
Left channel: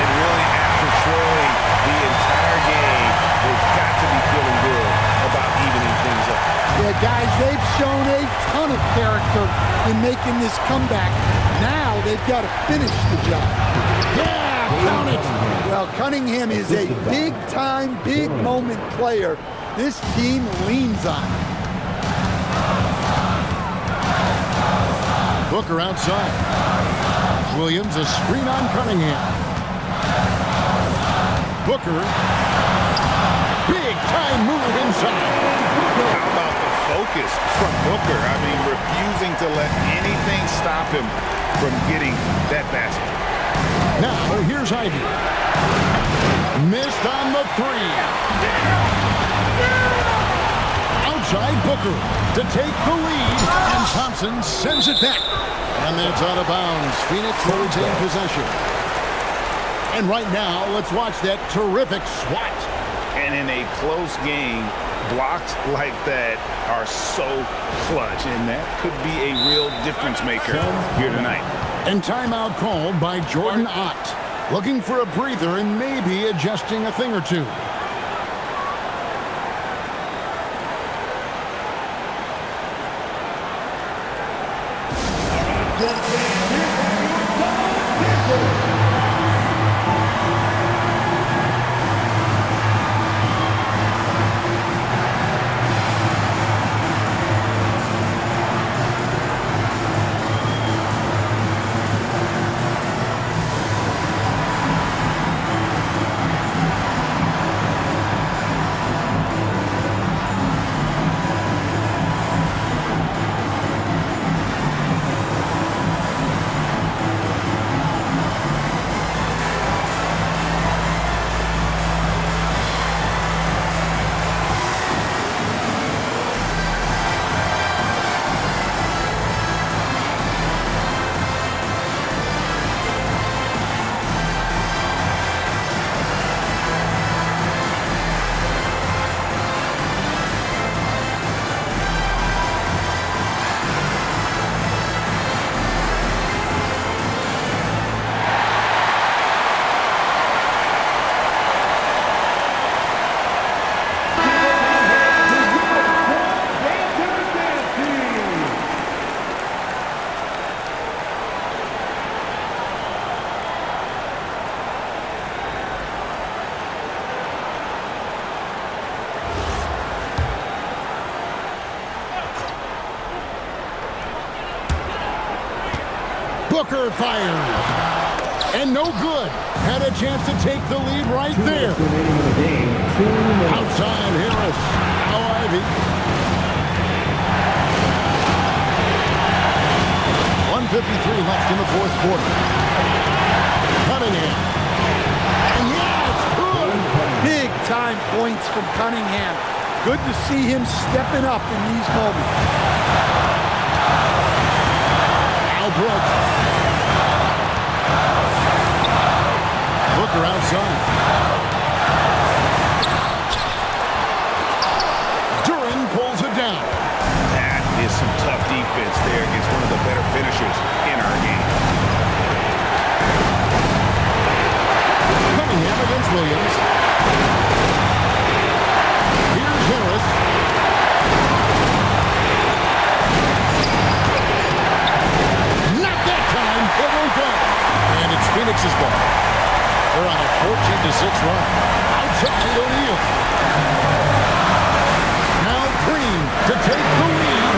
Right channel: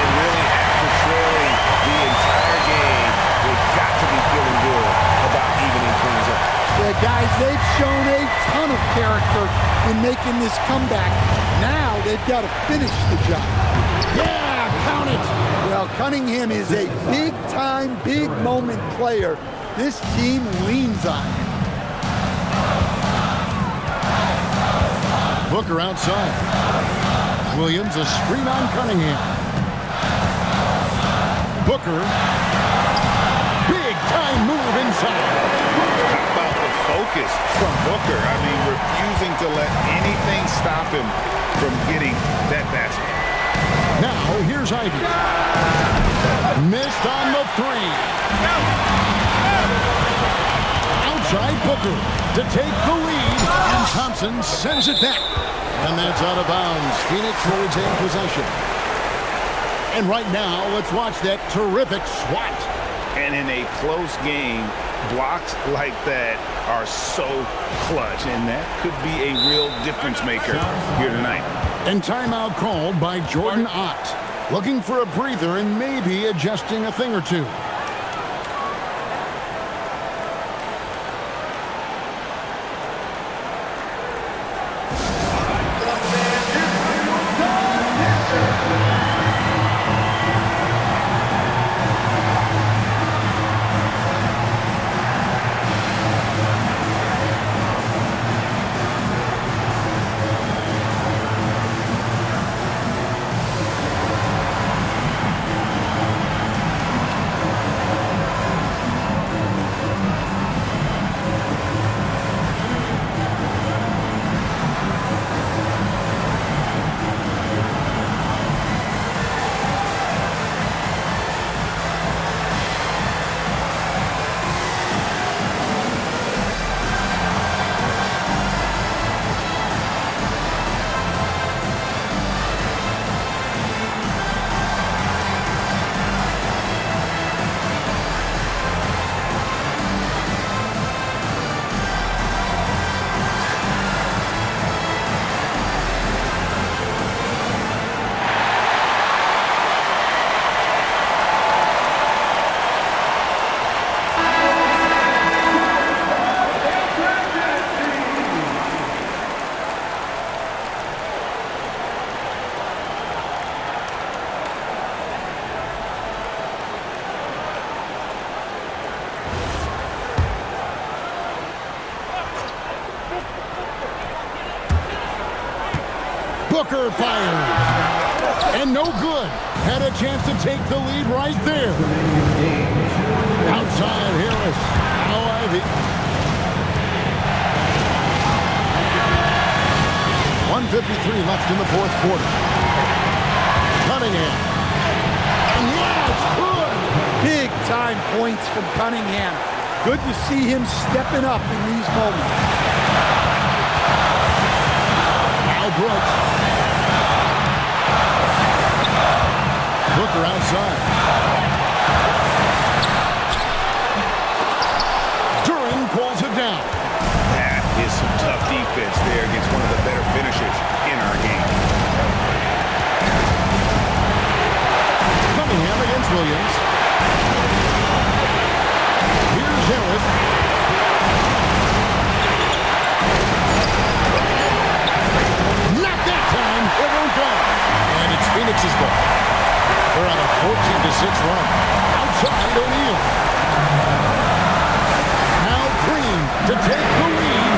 And really, after trailing the entire game, they've got to be feeling good about evening things up. Yeah, guys, they've shown a ton of character in making this comeback. Now they've got to finish the job. Yeah, count it. Well, Cunningham is a big-time, big-moment player. This team leans on him. Booker outside. Williams, a screen on Cunningham. Booker. Big-time move inside. How about the focus from Booker? I mean, refusing to let anything stop him from getting that basket. Now, here's Ivy. Missed on the 3. Outside Booker to take the lead, and Thompson sends it back. And that's out of bounds. Phoenix will retain possession. And right now, let's watch that terrific swat. And in a close game, blocks like that are so clutch, and that could be a real difference maker here tonight. And timeout called by Jordan Ott. Looking for a breather and maybe adjusting a thing or two. Booker fires. And no good. Had a chance to take the lead right there. Outside Harris. Now Ivy. 1:53 left in the fourth quarter. Cunningham. And yeah, it's good. Big time points from Cunningham. Good to see him stepping up in these moments. Al Brooks. Booker outside. Duran pulls it down. That is some tough defense there against one of the better finishers in our game. Cunningham against Williams. Here's Harris. Not that time. It won't go. And it's Phoenix's ball. They're on a 14-6 run. Outside O'Neal. Now Green to take the lead,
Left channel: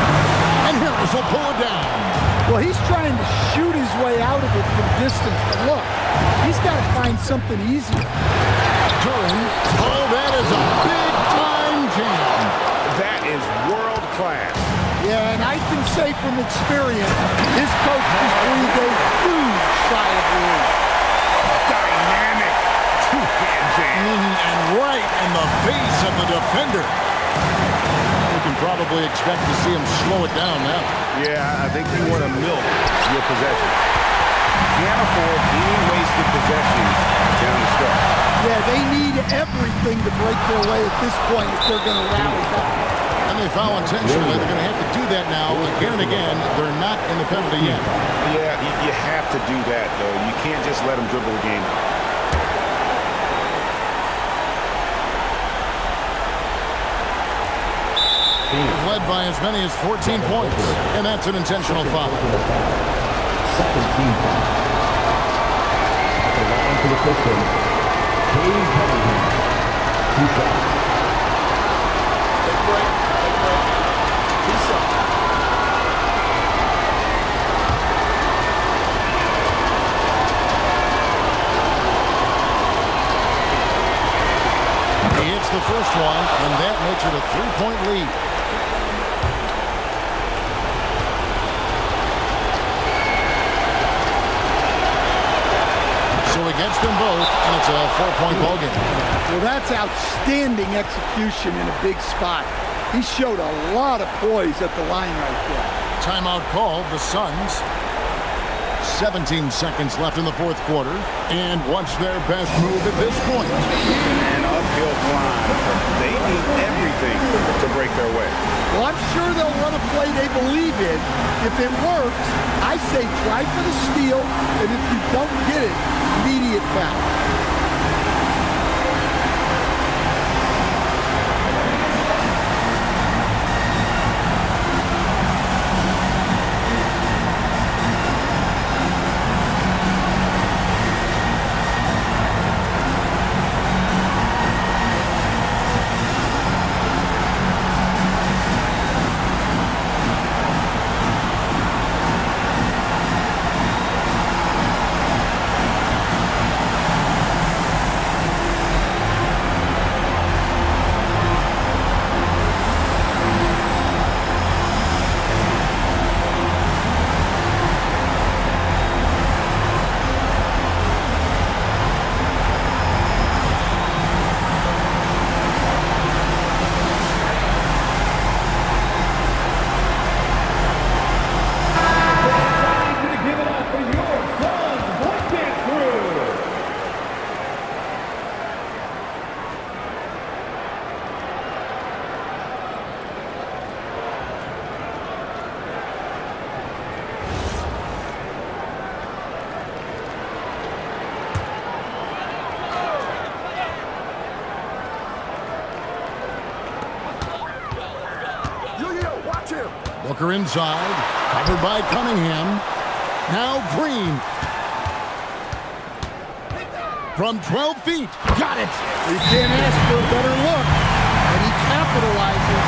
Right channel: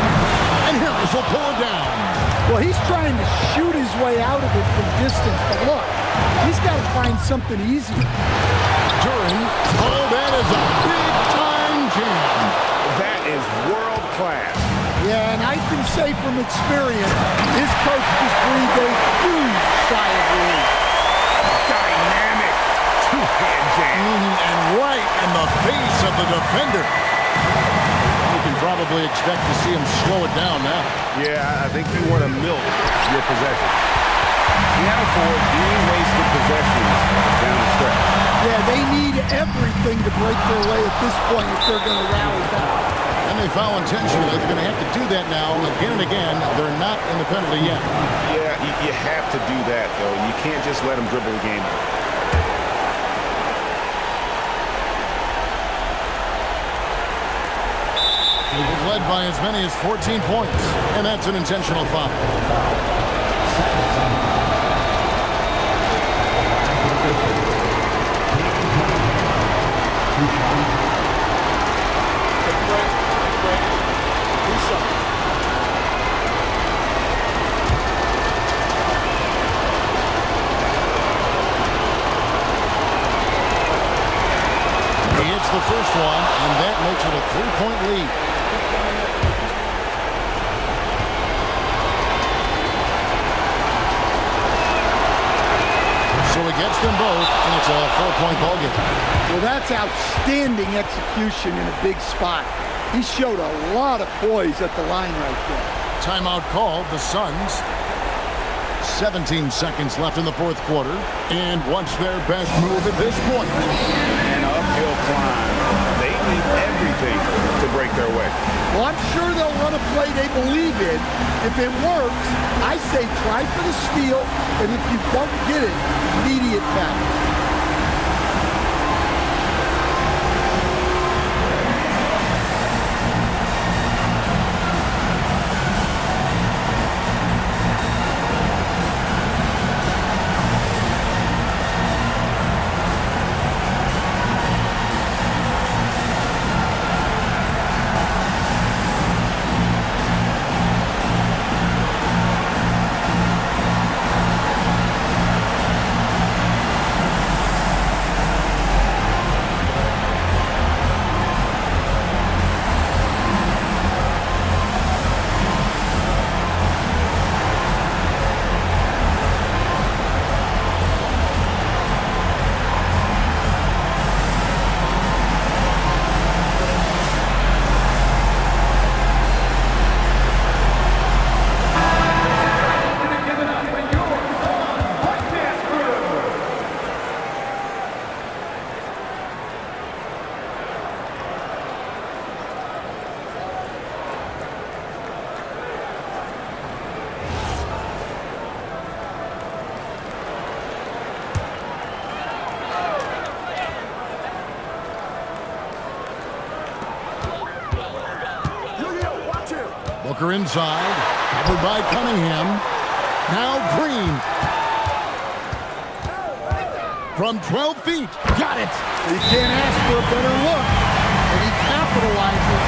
and Harris will pull it down. Well, he's trying to shoot his way out of it from distance, but look, he's got to find something easier. Duran, oh, that is a big-time jam. That is world class. Yeah, and I can say from experience, his coach just breathed a huge sigh of relief. Dynamic two-hand jam. And right in the face of the defender. We can probably expect to see him slow it down now. Yeah, I think you want to milk your possessions. Can't afford any wasted possessions down the stretch. Yeah, they need everything to break their way at this point if they're going to rally back. And they foul intentionally. They're going to have to do that now again and again. They're not in the penalty yet. Yeah, you have to do that, though. You can't just let them dribble the game out. He's led by as many as 14 points, and that's an intentional foul. Second team foul. The line for the Pistons. Cade Cunningham. 2 shots. Take a break. Take a break. 2 shots. He hits the first one, and that makes it a 3-point lead. So he gets them both, and it's a 4-point ball game. Well, that's outstanding execution in a big spot. He showed a lot of poise at the line right there. Timeout called, the Suns. 17 seconds left in the fourth quarter. And what's their best move at this point? An uphill climb. They need everything to break their way. Well, I'm sure they'll run a play they believe in. If it works, I say try for the steal, and if you don't get it, immediate foul. Booker inside, covered by Cunningham. Now Green. From 12 feet, got it. You can't ask for a better look, and he capitalizes.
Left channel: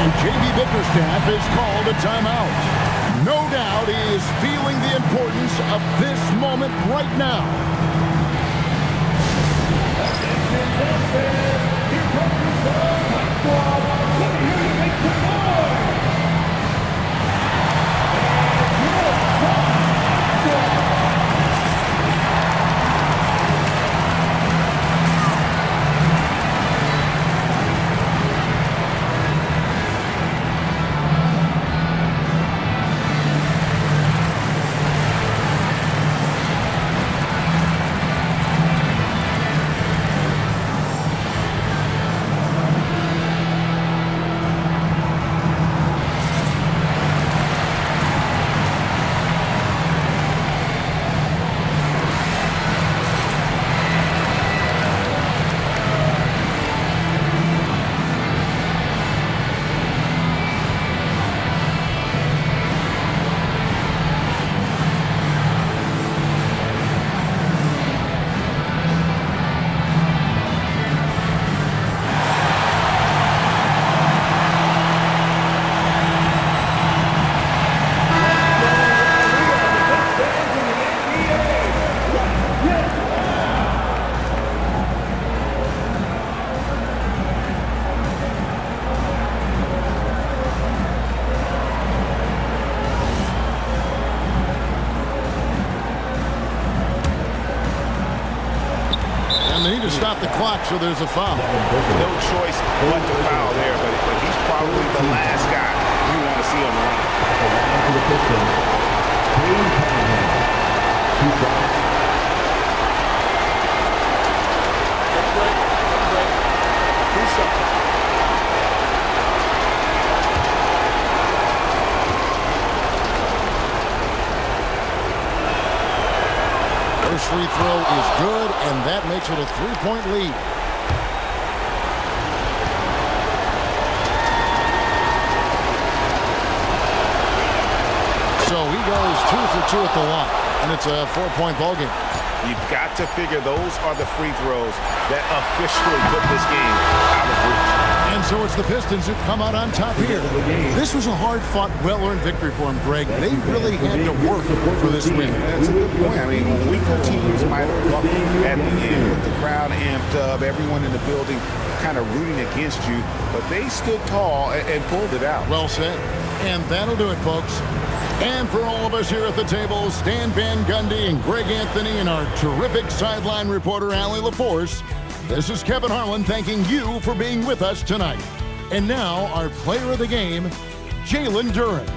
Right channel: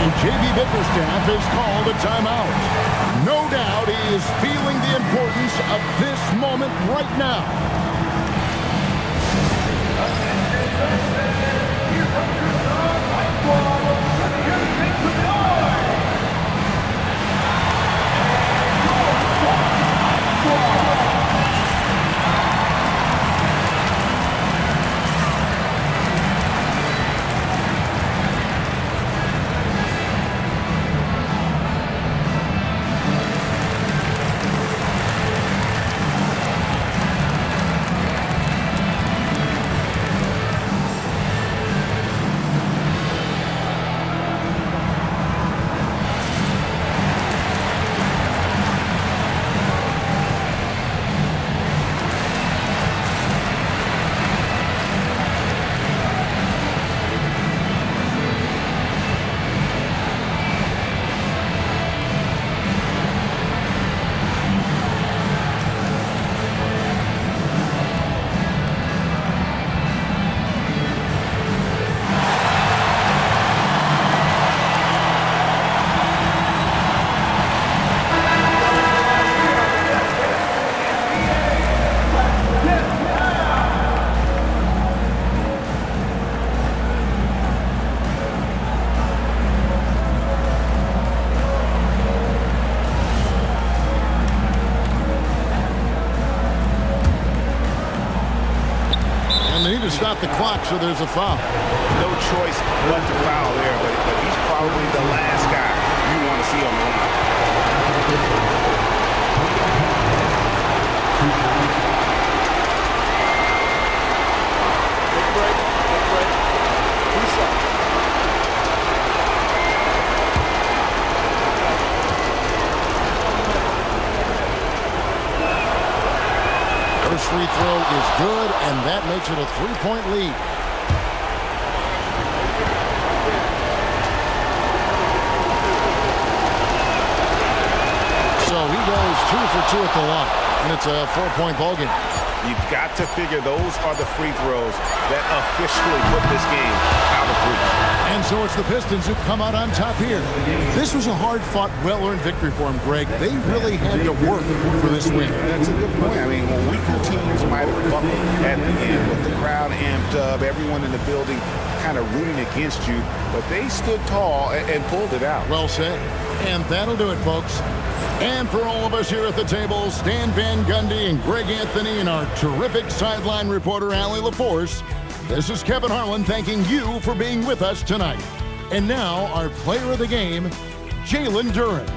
And J.B. Bickerstaff is called a timeout. No doubt he is feeling the importance of this moment right now. Here comes your son, White Squad. Let me hear you make some noise. Your son, White Squad. to stop the clock, so there's a foul. No choice but to foul there, but he's probably the last guy you want to see on the line. The line for the Pistons. Tatum Cunningham. 2 shots. Take a break. 2 shots. First free throw is good, and that makes it a 3-point lead. So he goes 2 for 2 at the line, and it's a 4-point ball game. You've got to figure those are the free throws that officially put this game out of reach. And so it's the Pistons who come out on top here. This was a hard-fought, well-earned victory for them, Greg. They really had to work for this win. That's a good point. I mean, weaker teams might have buckled at the end with the crowd amped up, everyone in the building kind of rooting against you, but they stood tall and pulled it out. Well said. And that'll do it, folks. And for all of us here at the table, Stan Van Gundy and Greg Anthony and our terrific sideline reporter, Allie LaForce, this is Kevin Harlan thanking you for being with us tonight. And now, our player of the game, Jalen Duren.